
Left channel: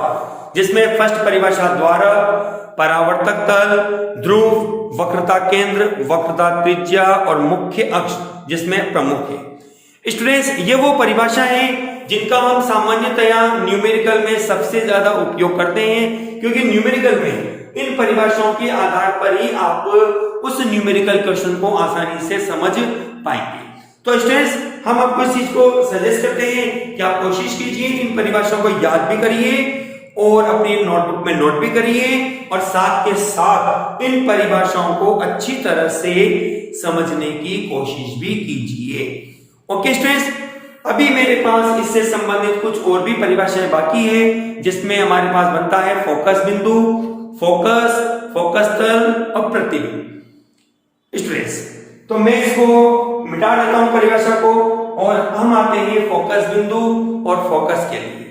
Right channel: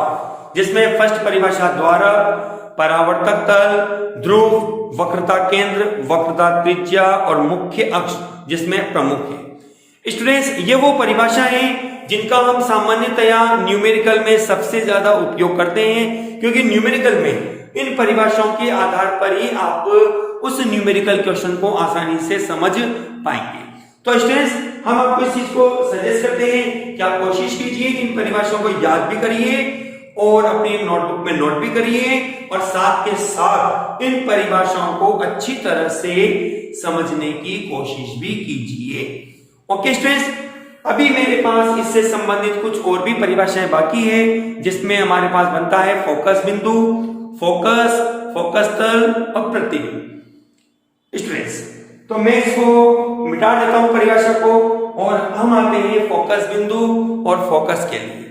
जिसमें फर्स्ट परिभाषा द्वारा, परावर्तक तल, ध्रुव, वक्रता केंद्र, वक्रता त्रिज्या और मुख्य अक्ष जिसमें प्रमुख है। स्टूडेंट्स ये वो परिभाषा है जिनका हम सामान्यतया न्यूमेरिकल में सबसे ज्यादा उपयोग करते हैं, क्योंकि न्यूमेरिकल में इन परिभाषाओं के आधार पर ही आप उस न्यूमेरिकल क्वेश्चन को आसानी से समझ पाएंगे। तो स्टूडेंट्स हम आपको इस चीज को सजेस्ट करते हैं कि आप कोशिश कीजिए इन परिभाषाओं को याद भी करिए और अपनी नोटबुक में नोट भी करिए, और साथ के साथ इन परिभाषाओं को अच्छी तरह से समझने की कोशिश भी कीजिए। ओके स्टूडेंट्स, अभी मेरे पास इससे संबंधित कुछ और भी परिभाषाएं बाकी है, जिसमें हमारे पास बनता है फोकस बिंदु, फोकस, फोकस तल और प्रतिबिंब। स्टूडेंट्स तो मैं इसको मिटा देता हूं परिभाषा को, और हम आते हैं फोकस बिंदु और फोकस के लिए।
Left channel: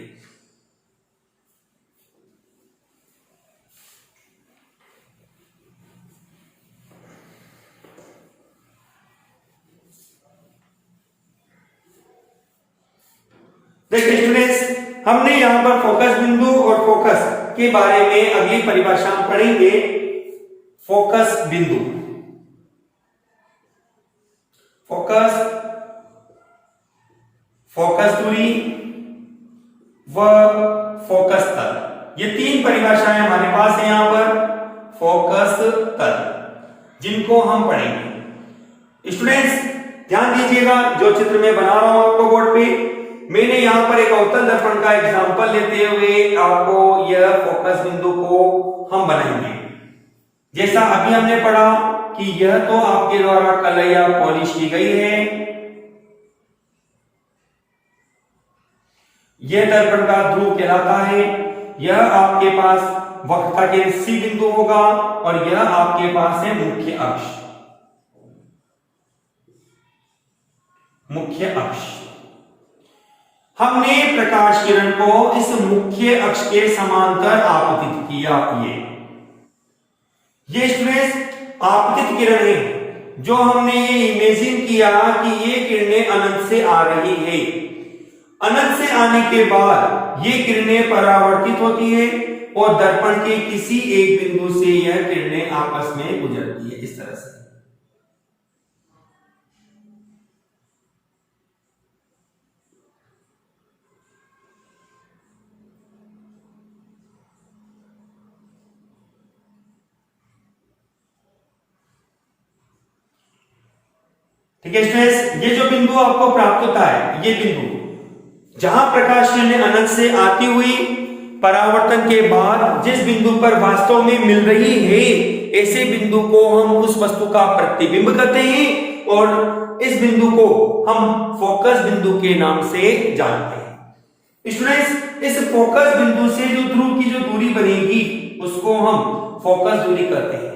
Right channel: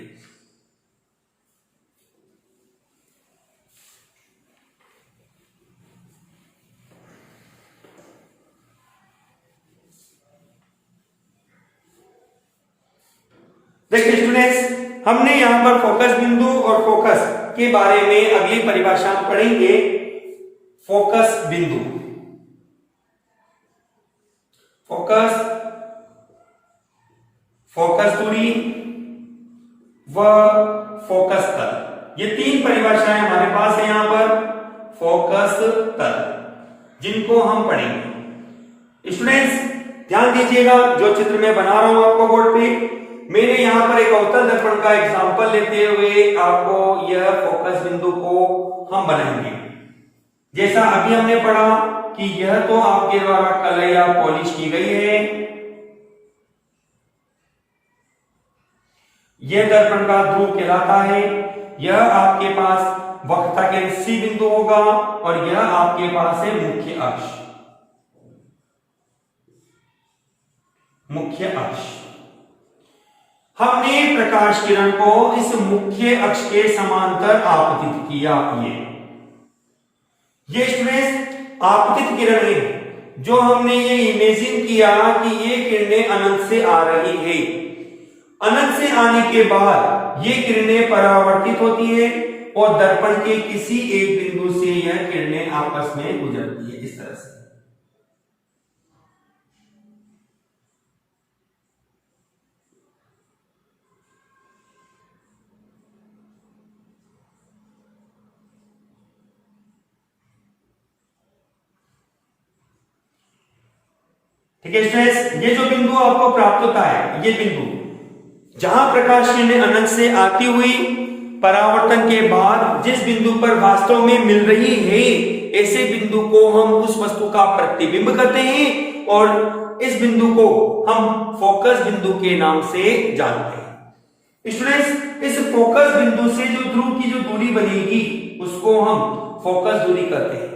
देखिए स्टूडेंट्स, हमने यहां पर फोकस बिंदु और फोकस के बारे में अगली परिभाषा पढ़ेंगे। फोकस बिंदु, फोकस, फोकस दूरी व फोकस तल, ये तीन परिभाषाएं हमारे पास है यहां पर, फोकस तल, जिनको हम पढ़ेंगे। स्टूडेंट्स ध्यान दीजिएगा, जो चित्र मैं बना रहा हूं आपको बोर्ड पे, मैंने यहां पर एक अवतल दर्पण का एग्जांपल लेते हुए आपको यह फोकस बिंदु को हम बनाएंगे। जैसा अभी हमने पढ़ा कि यह तो आपके द्वारा कलैया पॉलिश की गई है, यह दर्पण का ध्रुव कहलाता है, यह आपके पास वक्रता के C बिंदु होगा, और यह आपके पास है मुख्य अक्ष। मुख्य अक्ष, हमने प्रकाश किरण को इस मुख्य अक्ष के समांतर आपतित किया। ये स्टूडेंट्स आपतित किरण है, जो हमने ये इमेजिन किया कि ये किरणें अनंत से आ रही है। अनंत से आने के बाद ये किरणें परावर्तित होती है और दर्पण के किसी एक बिंदु से यह किरणें आपस में गुजरती है, इस तरह से। ठीक है स्टूडेंट्स, ये जो बिंदु आपको प्राप्त होता है, ये बिंदु जहां प्रकाश किरणें अनंत से आती हुई परावर्तन के बाद जिस बिंदु पर वास्तव में मिल रही है, ऐसे बिंदु को हम उस वस्तु का प्रतिबिंब कहते हैं, और इस बिंदु को हम फोकस बिंदु के नाम से जानते हैं। स्टूडेंट्स इस फोकस बिंदु से जो ध्रुव की जो दूरी बनेगी उसको हम फोकस दूरी कहते हैं,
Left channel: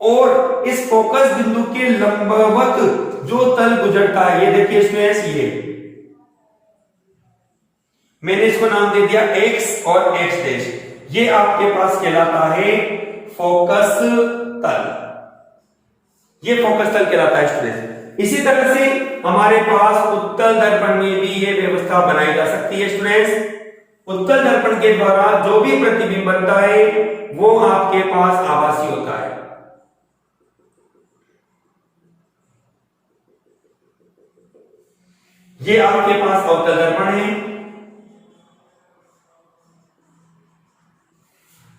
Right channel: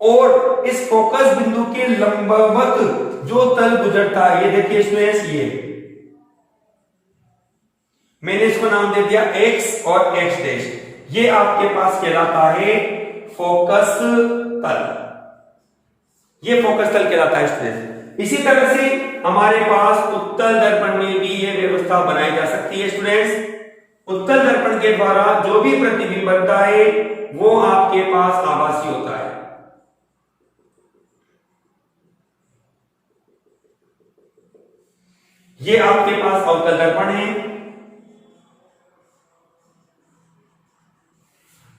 और इस फोकस बिंदु के लंबवत जो तल गुजरता है, ये देखिए स्टूडेंट्स, ये मैंने इसको नाम दे दिया x और x डैश, ये आपके पास कहलाता है फोकस तल। ये फोकस तल कहलाता है स्टूडेंट्स। इसी तरह से हमारे पास उत्तल दर्पण में भी ये व्यवस्था बनाई जा सकती है स्टूडेंट्स। उत्तल दर्पण के द्वारा जो भी प्रतिबिंब बनता है वो आपके पास आभासी होता है। ये आपके पास अवतल दर्पण है।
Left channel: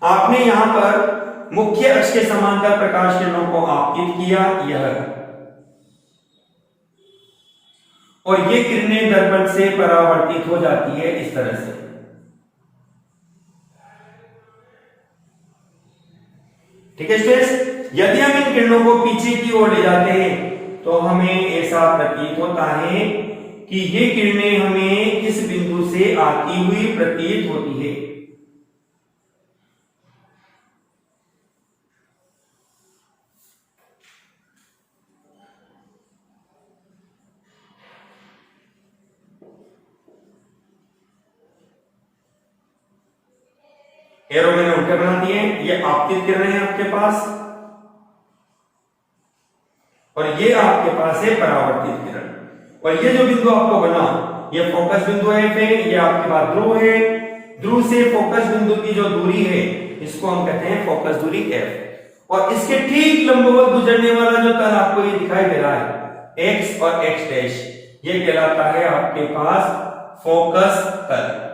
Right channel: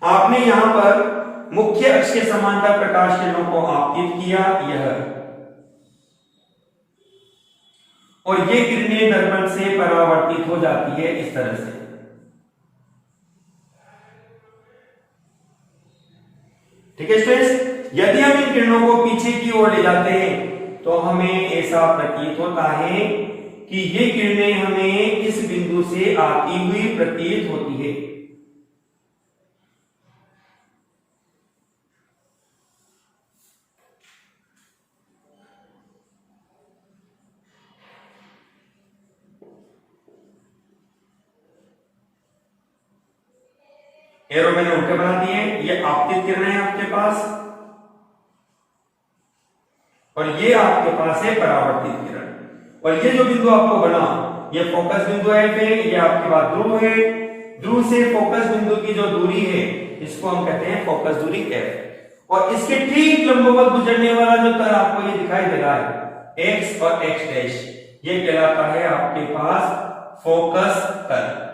आपने यहां पर मुख्य अक्ष के समांतर प्रकाश किरणों को आपतित किया, यह और ये किरणें दर्पण से परावर्तित हो जाती है इस तरह से। ठीक है स्टूडेंट्स, यदि हम इन किरणों को पीछे की ओर ले जाते हैं तो हमें ऐसा प्रतीत होता है कि ये किरणें हमें इस बिंदु से आती हुई प्रतीत होती है। एरो मैंने उल्टे बना दिए, ये आपतित किरणें हैं आपके पास और ये आपके पास है परावर्तित किरण। और ये जो बिंदु आपको बना ये फोकस बिंदु है, ये आपके पास ध्रुव है। ध्रुव से फोकस बिंदु की जो दूरी है इसको हम कहते हैं फोकस दूरी f। और इसके ठीक लंबवत गुजरने वाला जो तल आपको ये दिखाई दे रहा है x और x डैश, ये कहलाता है आपके पास फोकस तल।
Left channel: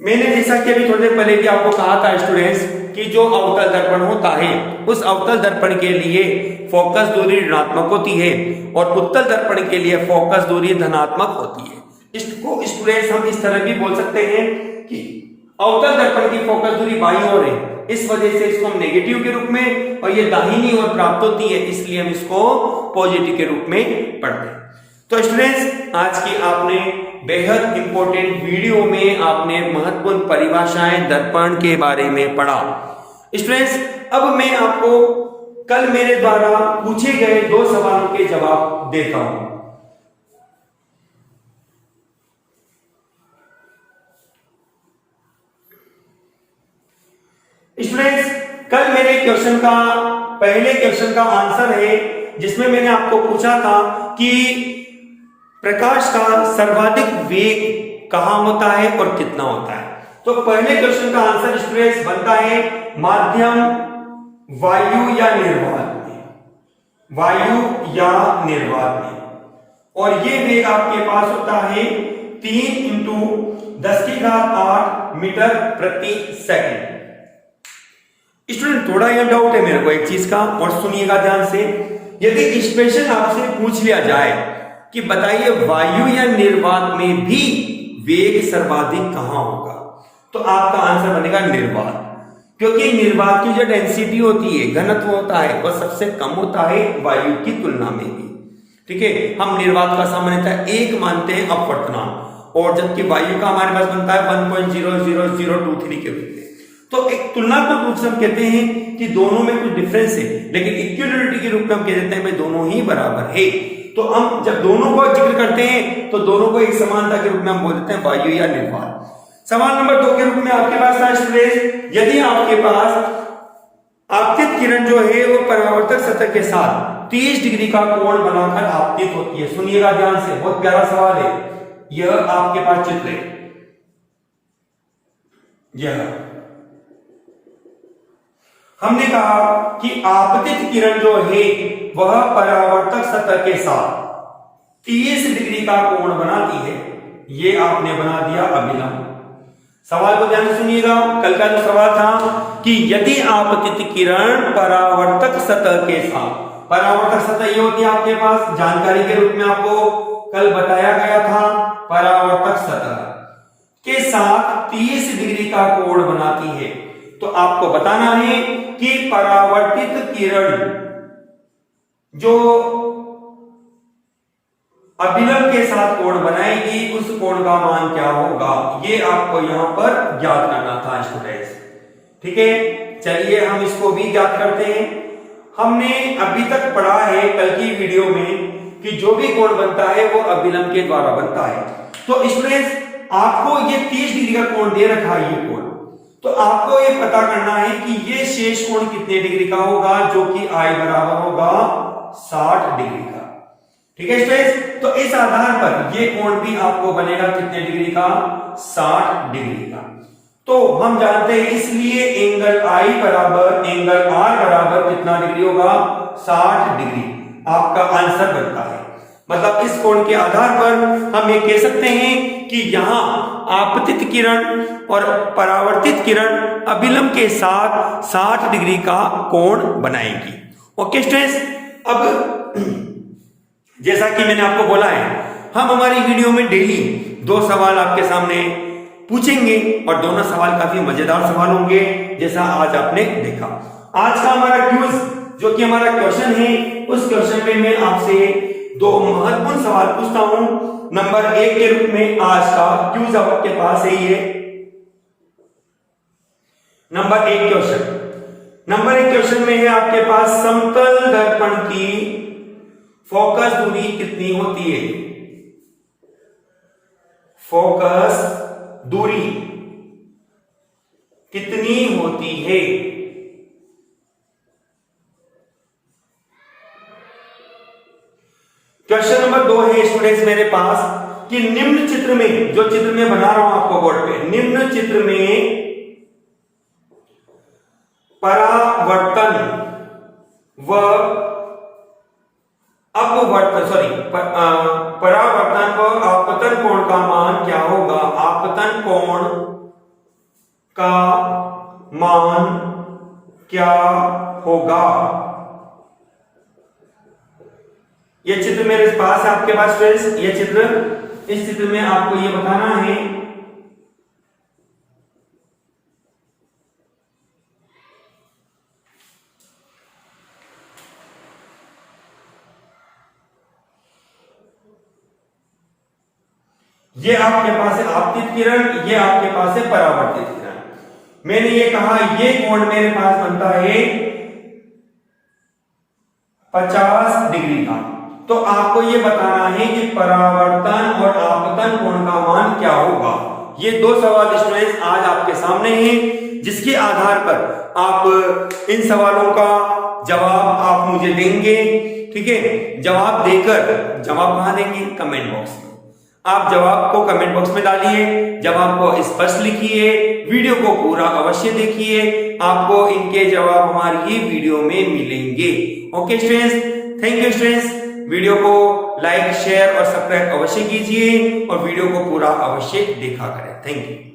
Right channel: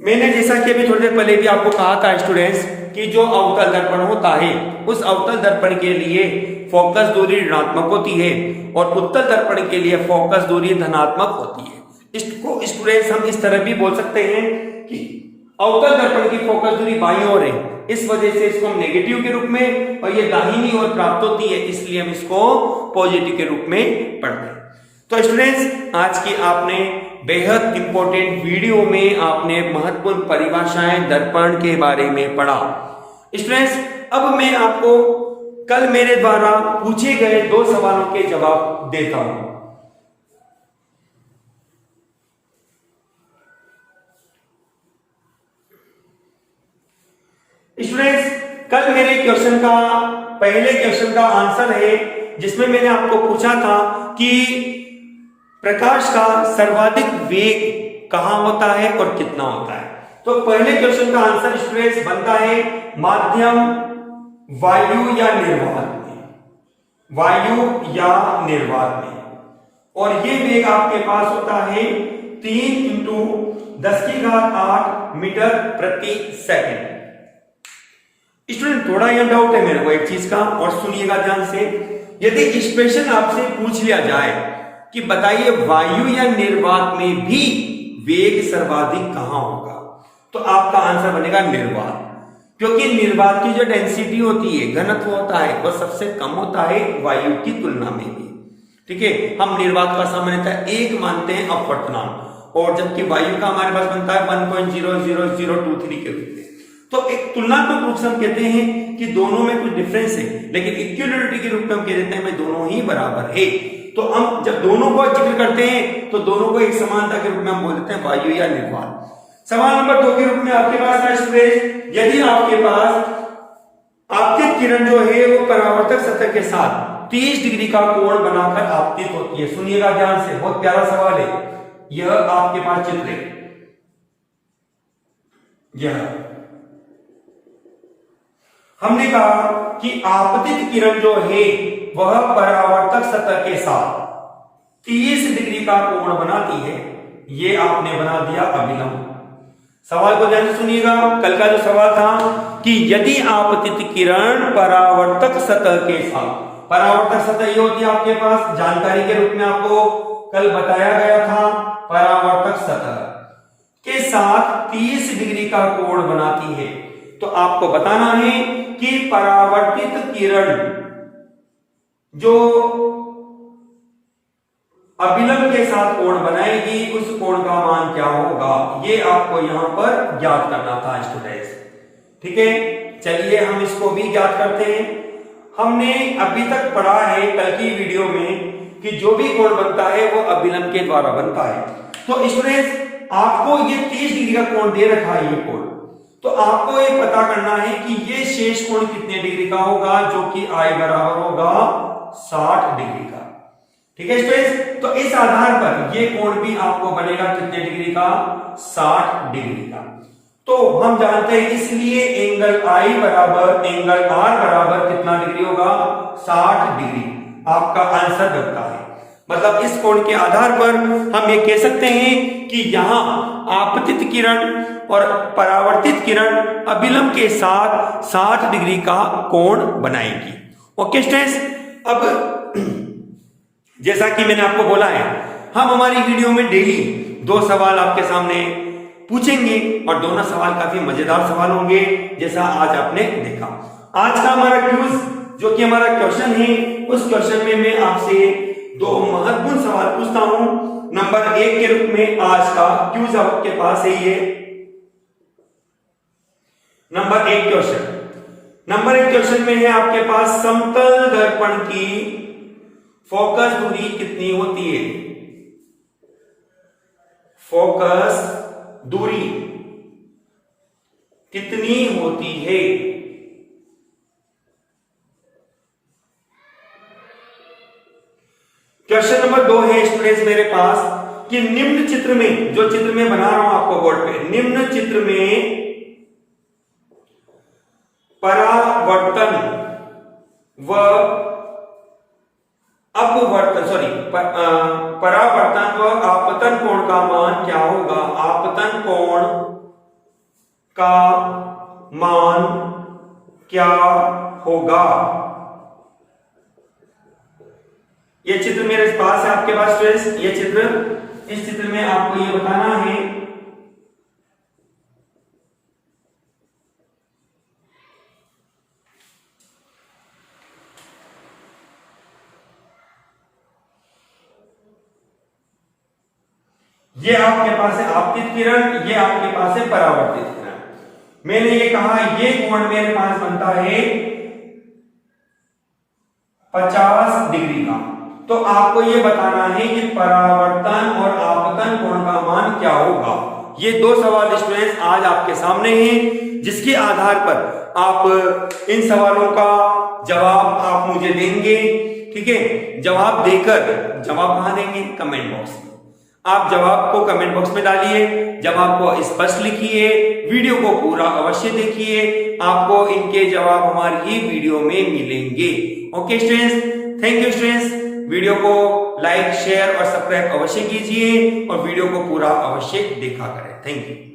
मैंने जैसा कि अभी थोड़ी देर पहले भी आपको कहा था स्टूडेंट्स कि जो अवतल दर्पण होता है उस अवतल दर्पण के लिए फोकस दूरी ऋणात्मक होती है और उत्तल दर्पण के लिए फोकस दूरी धनात्मक होती है। इसको स्टूडेंट्स हम इस तरह भी बोल सकते हैं कि अवतल दर्पण की फोकस दूरी बाईं ओर है, इस वजह से इसको हम नेगेटिव के रूप में, और ये दाहिनी ओर प्राप्त होती है इसलिए हम इसको पॉजिटिव के रूप में पढ़ते हैं। तो स्टूडेंट्स, आज की आपने बेहद इंपॉर्टेंट वीडियो में आपने महत्वपूर्ण परिभाषाएं दर्पण के बारे में पढ़ा। स्टूडेंट्स, अब मैं आपको कल मेरे द्वारा पूछे गए 2 सवालों के जवाब देता हूं। स्टूडेंट्स, कल मेरे क्वेश्चन का पहले क्वेश्चन का आंसर है जिसमें मैंने आपको पूछा था कि प्रकाश का सर्वाधिक वेग कहां होता है और कितना होता है। तो पहले क्वेश्चन का आंसर स्टूडेंट्स बनता है माध्यम, वायु या निर्वात में, वायु या निर्वात में। और ये वेग आपके पास होता है 3 × 10⁸ मीटर प्रति सेकंड। स्टूडेंट, थोड़ा यह डाउट है मेरे को एक चीज का, और सुनिएगा ध्यान से। यदि एक्सप्रेशन आपसे पूछ लिया जाए कि बताइए वायु या निर्वात में भी वेग सर्वाधिक कहां होगा, तो आपका आंसर बनेगा निर्वात, क्योंकि निर्वात की जो डेंसिटी होती है, घनत्व होता है, वह सबसे कम होता है वायु की तुलना में भी। ठीक है, हम निर्वात का सामान्यतः 1 मानते हैं अपवर्तनांक, और जबकि वायु का हमारे पास बनता है 1.00023 के रूप में। तो एक तुलनात्मक रूप से हम कहते हैं कि दोनों में कुछ डिफरेंस है, लेकिन इक्विलिब्रिटी के रूप में हम कह देते हैं भाई दोनों ही बराबर है। तो हम जब दोनों को जिक्र करते हैं तो दोनों को एक समानता के रूप में हम बोलते हैं वायु या निर्वात। सवाल नंबर 2 के रूप में आपके पास था स्टूडेंट, यदि आपके पास आपतित किरण जो है वो परावर्तक सतह के साथ 30 डिग्री का कोण बनाकर आपतित होती है। सुनिएगा ध्यान से, बहुत प्यारा सवाल है। यह आपके पास चित्र है, यह हमने कहा कि आपतित किरण जो है वह परावर्तक सतह के साथ 30 डिग्री का कोण बनाती है। ये आपने बना दिया अभिलंब। सवाल को ध्यान से सुनिएगा। कल का जो सवाल था कि यदि आपतित किरण परावर्तक सतह के साथ, परावर्तक सतह ये होती है आपके पास जानकारी के रूप में आपको कल बताया गया था, परावर्तक सतह के साथ 30 डिग्री का कोण बनाती है, तो आपको बताना है कि परावर्तित किरण जो अभिलंब के साथ कोण बनाएगी उस कोण का मान क्या होगा, ये आपको यहां पर ज्ञात करना था स्टूडेंट्स। ठीक है, चलिए हम इसको भी ज्ञात करते हैं। हमने अभी तक पढ़ा है कल की वीडियो में कि जो भी कोण बनता है वो अभिलंब के द्वारा बनता है। तो स्टूडेंट्स, आपको ये 30 डिग्री का कोण दे रखा है ये कोण, तो आपको ये पता करना है कि ये शेष कोण कितने डिग्री का होगा, जो कि I बराबर होगा 60 डिग्री का। ठीक है स्टूडेंट्स, तो इस आधार पर ये कोण भी आपको बनेगा कितने डिग्री का, 60 डिग्री का। तो हम जानते हैं इसलिए एंगल आई बराबर एंगल आर बराबर कितना डिग्री होगा, 60 डिग्री आपका आंसर बनता है। मतलब इस कोण के आधार पर हम ये कह सकते हैं कि यहां आपतित किरण और परावर्तित किरण अभिलंब के साथ 60 डिग्री का कोण बनाएगी। ओके स्टूडेंट्स, अब जैसा कि मैंने आपको बोला है, हम हमारी वीडियो में डेली 2 सवाल आपके सामने पूछेंगे और दोनों सवाल काफी मजेदार सवाल होंगे, जैसा आज आपने देखा। आज का हमारा क्विज जो कि हमारा क्वेश्चन है, उस क्वेश्चन में मैं आपसे 2 महत्वपूर्ण सवाल पूछता हूं। नंबर 1 के रूप में आज का क्विज आपके पास है ये नंबर 1 क्वेश्चन में है आपके पास समतल दर्पण की फोकस दूरी कितनी होती है, फोकस दूरी कितनी होती है। क्वेश्चन नंबर 2 है स्टूडेंट्स मेरे पास कि निम्न चित्र में, जो चित्र में बना रहा हूं आपको बोर्ड पे, निम्न चित्र में परावर्तन व परावर्तन व आपतन कोण का मान क्या होगा, आपतन कोण का मान क्या होगा। ये चित्र मेरे पास है आपके पास फ्रेंड्स, ये चित्र, इस चित्र में आपको ये बताना है ये आपके पास है आपतित किरण, ये आपके पास है परावर्तित किरण। मैंने ये कहा ये कोण मेरे पास बनता है 50 डिग्री का। तो आपको ये बताना है कि परावर्तन और आपतन कोण का मान क्या होगा। ये 2 सवाल स्टूडेंट्स आज आपके सामने हैं, जिसके आधार पर आप इन सवालों का जवाब आप मुझे देंगे। ठीक है, जवाब देकर, जवाब कहां देंगे, कमेंट बॉक्स में। आप जवाब को कमेंट बॉक्स में डालिए, जवाब को स्पष्ट लिखिए, वीडियो को पूरा अवश्य देखिए, आपको इनके जवाब हमारी ही वीडियो में मिलेंगे। Okay students, thank you students. Video को लाइक, शेयर और सब्सक्राइब अवश्य कीजिए और वीडियो को पूरा अवश्य देखा करें। Thank you.